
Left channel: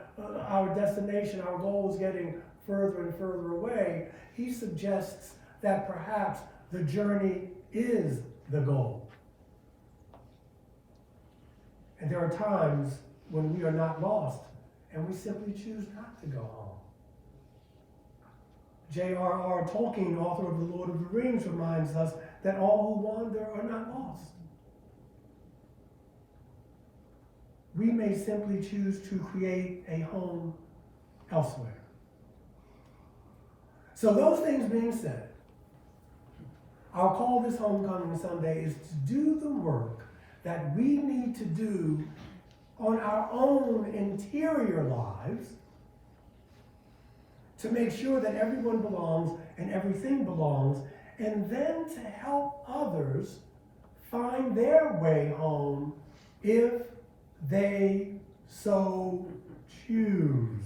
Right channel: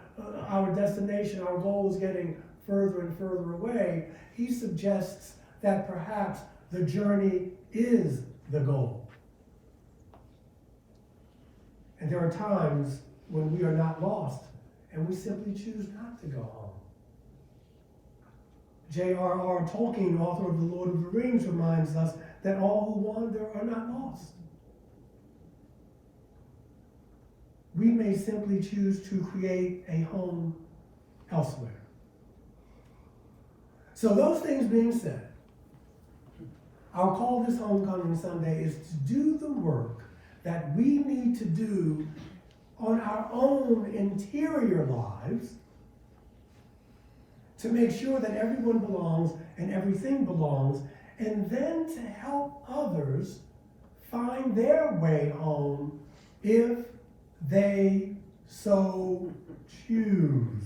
destination, our goal is getting further and further away, he suggests that perhaps the journey is the goal. And there are times when we are not lost and we simply choose not to go home. J.R.R. Tolkien, author of The Lord of the Rings, reminds us that all who wander are not lost. We may simply choose to create a home elsewhere. So those things being said, our call this Homecoming Sunday is to do the work that we need to do on our own interior lives to make sure that everyone belongs and everything belongs, and then to help others find their way home if they so choose.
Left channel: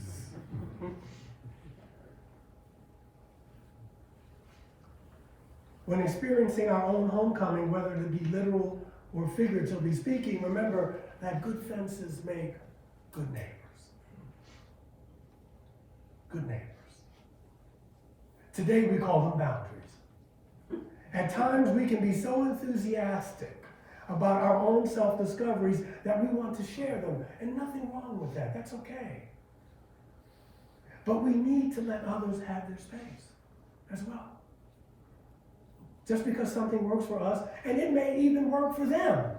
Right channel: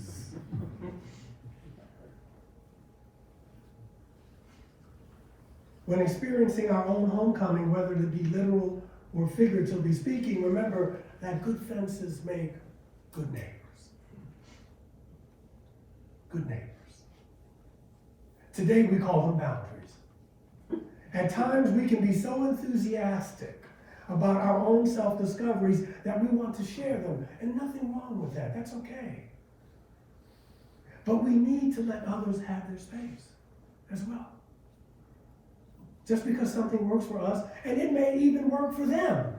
When experiencing our own homecoming, whether it be literal or figuratively speaking, remember that good fences make good neighbors. Good neighbors. Today we call them boundaries. At times we can be so enthusiastic about our own self-discoveries that we want to share them, and nothing wrong with that. That's okay. But we need to let others have their space as well. Just because something works for us, and it may even work for them,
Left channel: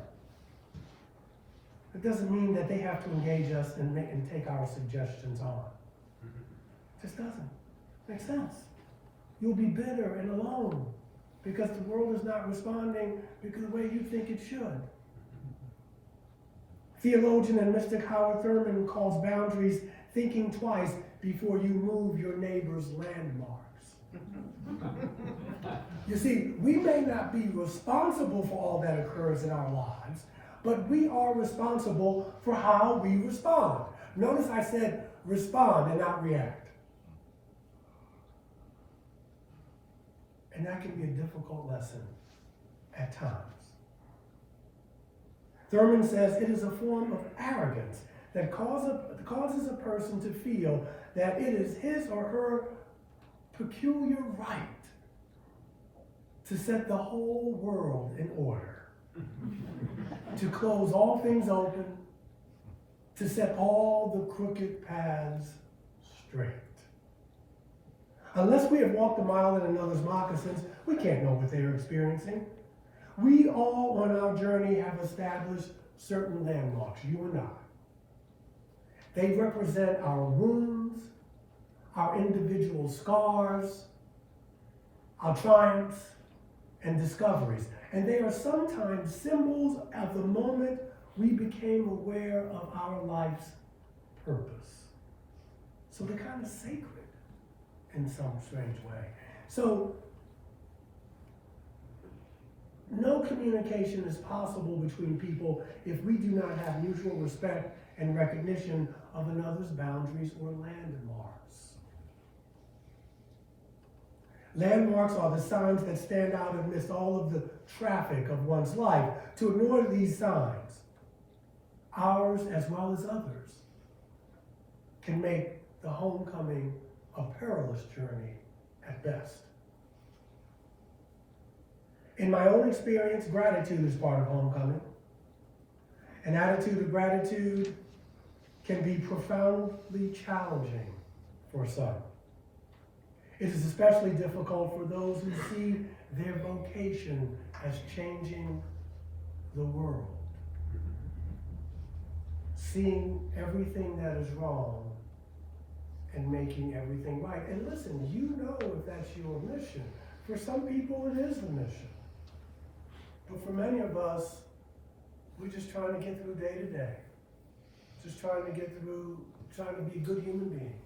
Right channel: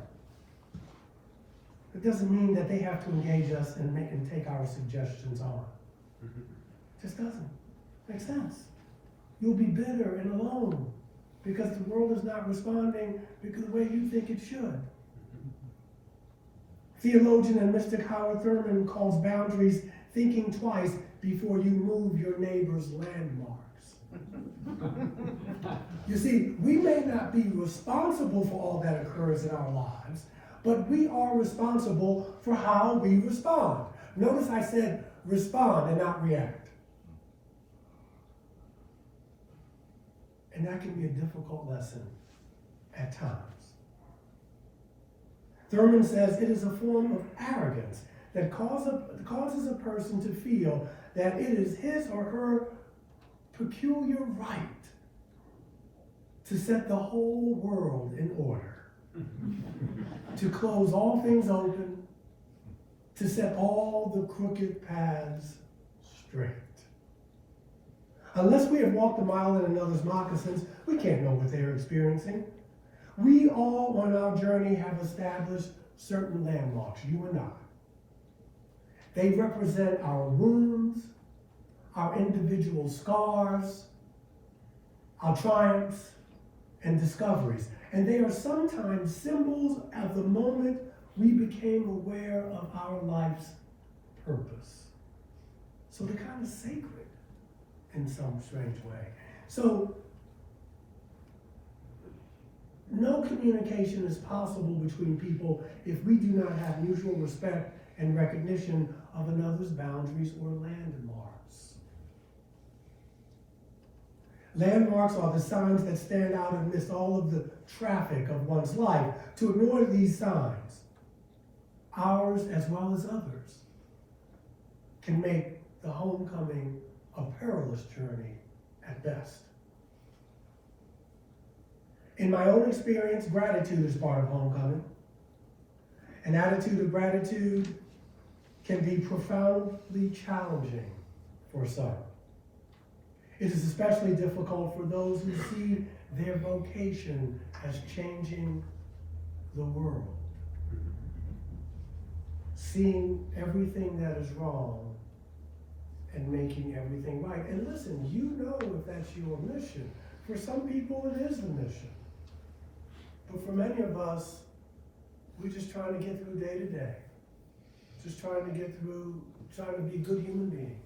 it doesn't mean that they have to engage us and take our suggestions on. It just doesn't make sense. You'll be bitter and alone because the world is not responding because the way you think it should. Theologian and mystic Howard Thurman calls boundaries thinking twice before you move your neighbor's landmarks. You see, we may not be responsible for all that occurs in our lives, but we are responsible for how we respond. Notice I said respond and not react. And that can be a difficult lesson at times. Thurman says it is a form of arrogance that causes a person to feel that it is his or her peculiar right to set the whole world in order, to close all things open, to set all the crooked paths straight. Unless we have walked a mile in another's moccasins, we can't know what they are experiencing. We all on our journey have established certain landmarks, you and I. They represent our wounds, our individual scars, our triumphs and discoveries. And they are sometimes symbols of the moment we became aware of our life's purpose. So they're kind of sacred in some strange way. So no communication is possible between people if we do not have mutual respect and recognition of another's boundaries or landmarks. Landmarks are the signs that stand out amidst all of the traffic of one's life. To ignore these signs, ours as well as others, can make the homecoming a perilous journey at best. In my own experience, gratitude is part of homecoming. An attitude of gratitude can be profoundly challenging for some. It is especially difficult for those who see their vocation as changing the world. Seeing everything that is wrong and making everything right. And listen, you know if that's your mission. For some people, it is the mission. But for many of us, we're just trying to get through day to day. Just trying to get through, trying to be good human beings.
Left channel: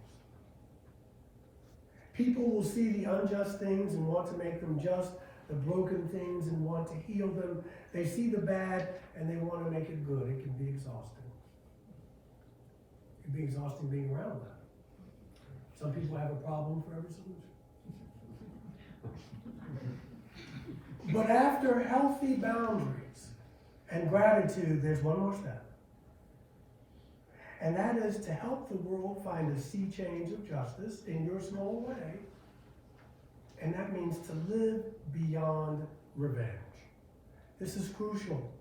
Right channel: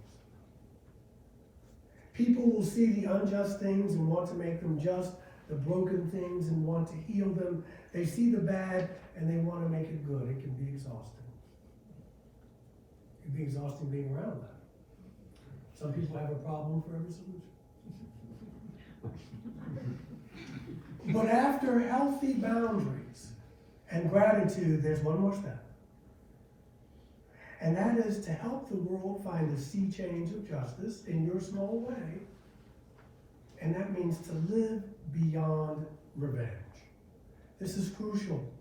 People will see the unjust things and want to make them just, the broken things and want to heal them. They see the bad and they want to make it good. It can be exhausting. It can be exhausting being around that. Some people have a problem for every solution. But after healthy boundaries and gratitude, there's one more step. And that is to help the world find a sea change of justice in your small way. And that means to live beyond revenge. This is crucial.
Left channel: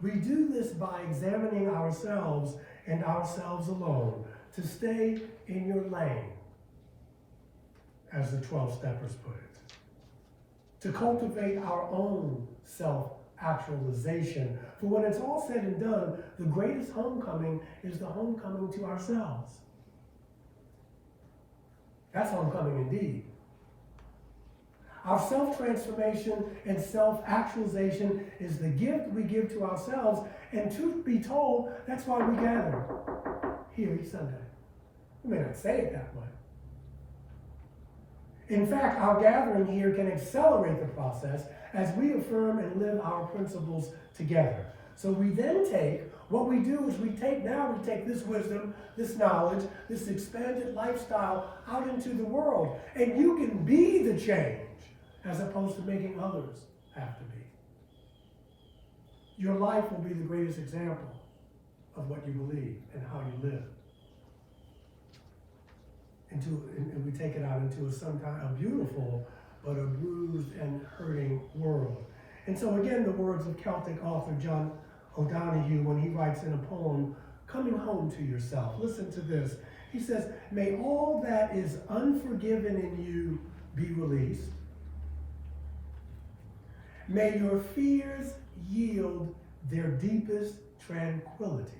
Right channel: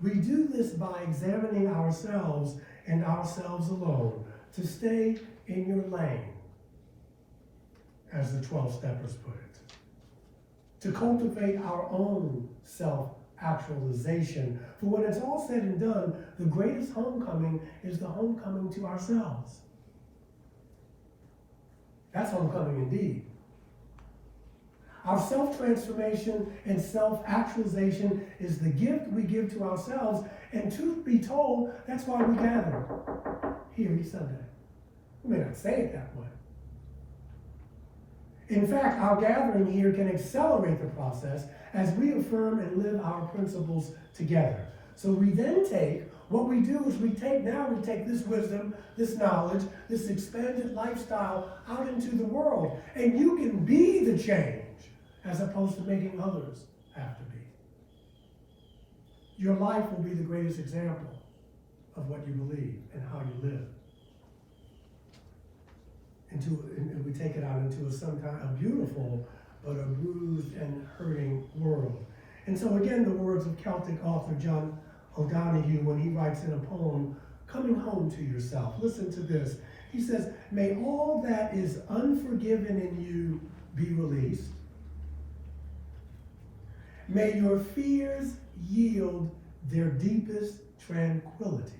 We do this by examining ourselves and ourselves alone, to stay in your lane, as the 12 steppers put it. To cultivate our own self-actualization. For when it's all said and done, the greatest homecoming is the homecoming to ourselves. That's homecoming indeed. Our self-transformation and self-actualization is the gift we give to ourselves, and truth be told, that's why we gather here each Sunday. We may not say it that way. In fact, our gathering here can accelerate the process as we affirm and live our principles together. So we then take, what we do is we take this wisdom, this knowledge, this expanded lifestyle out into the world. And you can be the change as opposed to making others have to be. Your life will be the greatest example of what you believe and how you live. And we take it out into a beautiful, but a bruised and hurting world. And so again, the words of Celtic author John O'Donohue when he writes in a poem, Coming Home to Yourself. Listen to this. He says, may all that is unforgiven in you be released. May your fears yield their deepest tranquilities.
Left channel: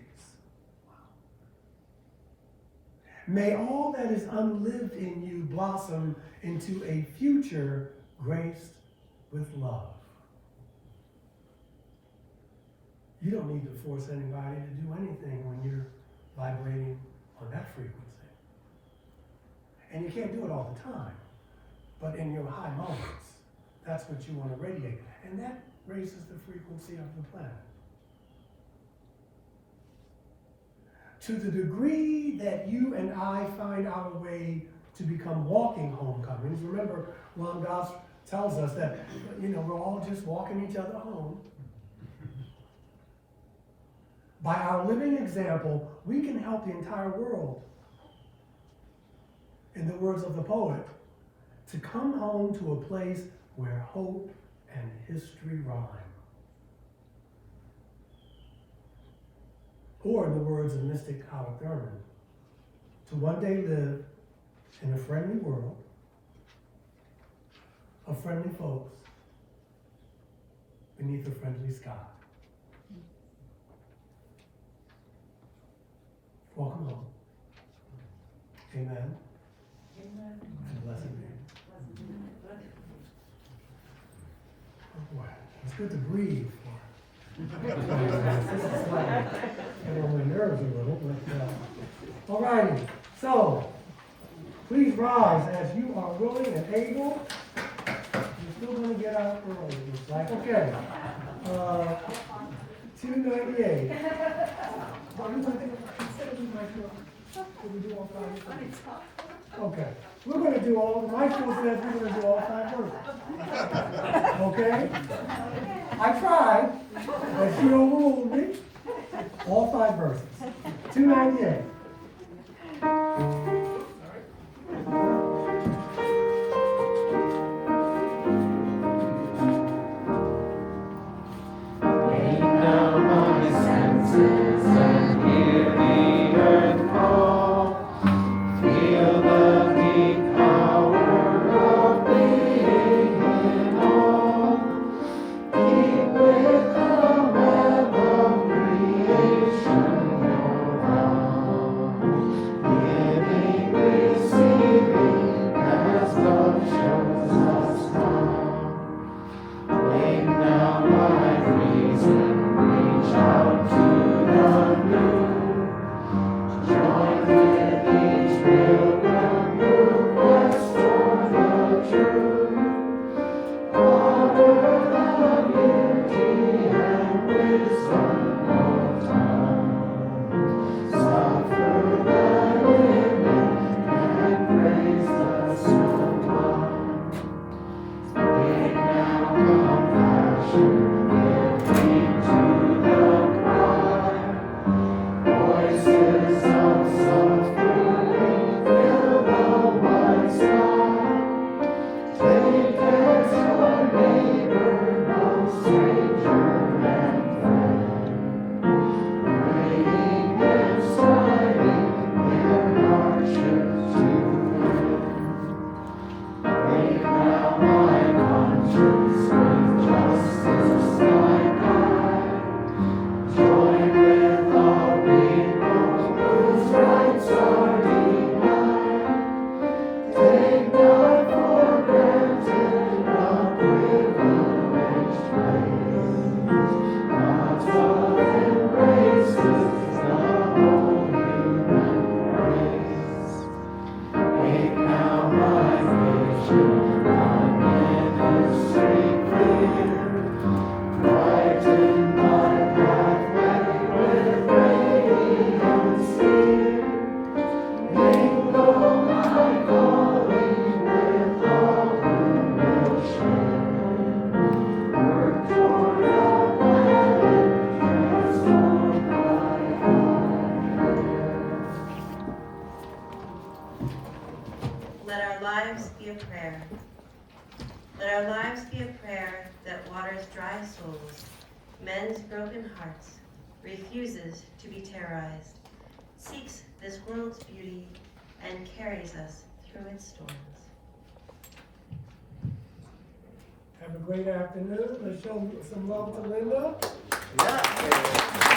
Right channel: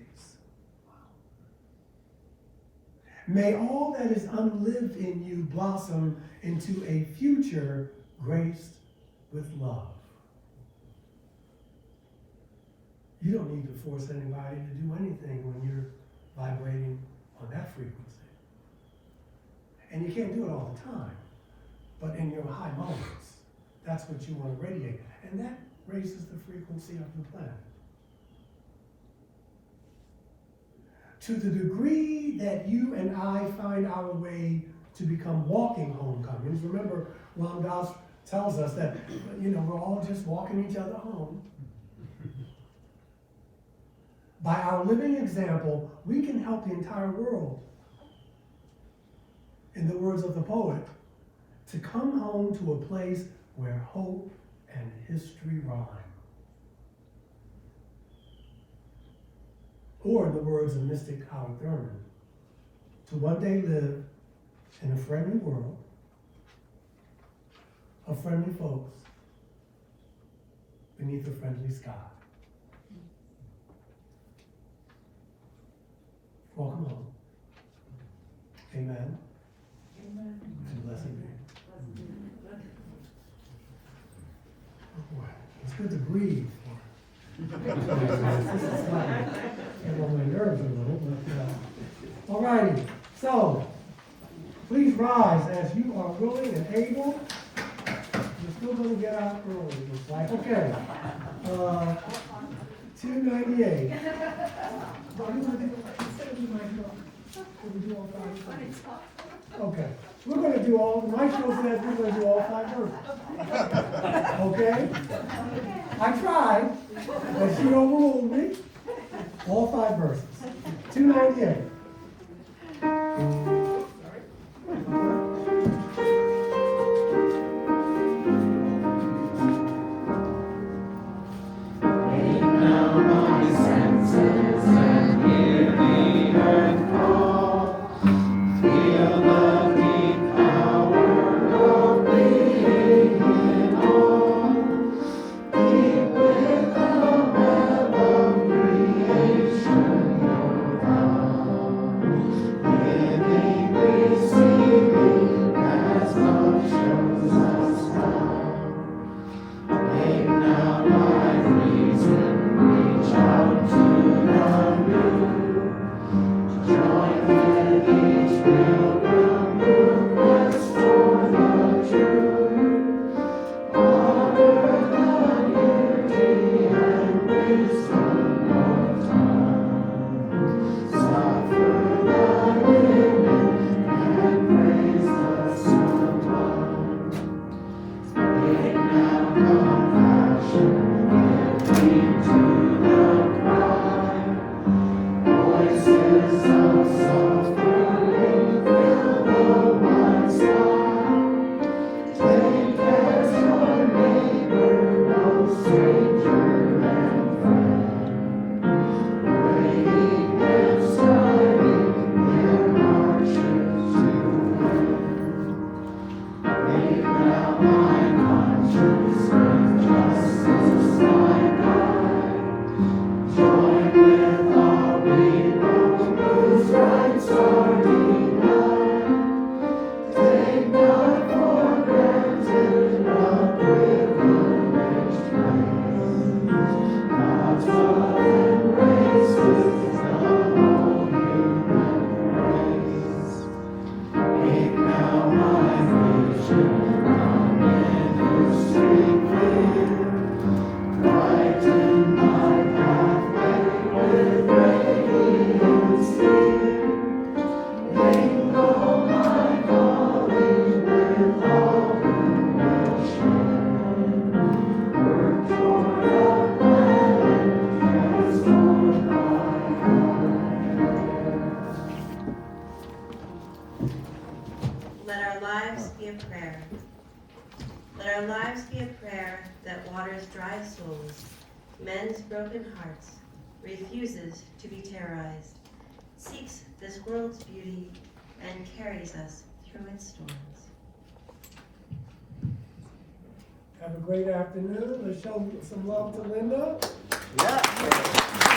May all that is unlived in you blossom into a future graced with love. You don't need to force anybody to do anything when you're vibrating on that frequency. And you can't do it all the time, but in your high moments, that's what you want to radiate. And that raises the frequency of the planet. To the degree that you and I find our way to become walking homecomings, remember Ram Dass tells us that, we're all just walking each other home. By our living example, we can help the entire world, in the words of the poet, to come home to a place where hope and history rhyme. Or in the words of mystic Howard Thurman, to one day live in a friendly world of friendly folks beneath a friendly sky. Welcome home. Amen. Amen. And blessed be. Oh boy, it's good to breathe. This is like, get on my nerves a little, but all righty. So, please rise as you are willing and able. You're still going to get out early, it looks like. Okay. 298. Okay. We're going to do all, the maestro says we're going to do all 5 verses. Okay? I tried, but she overruled me. All 5 verses. 298. Let our lives be a prayer. Let our lives be a prayer that waters dry souls, mends broken hearts, refuses to be terrorized, seeks this world's beauty, and carries us through its storms. Have a great afternoon. Let's show some love to Linda. Yeah.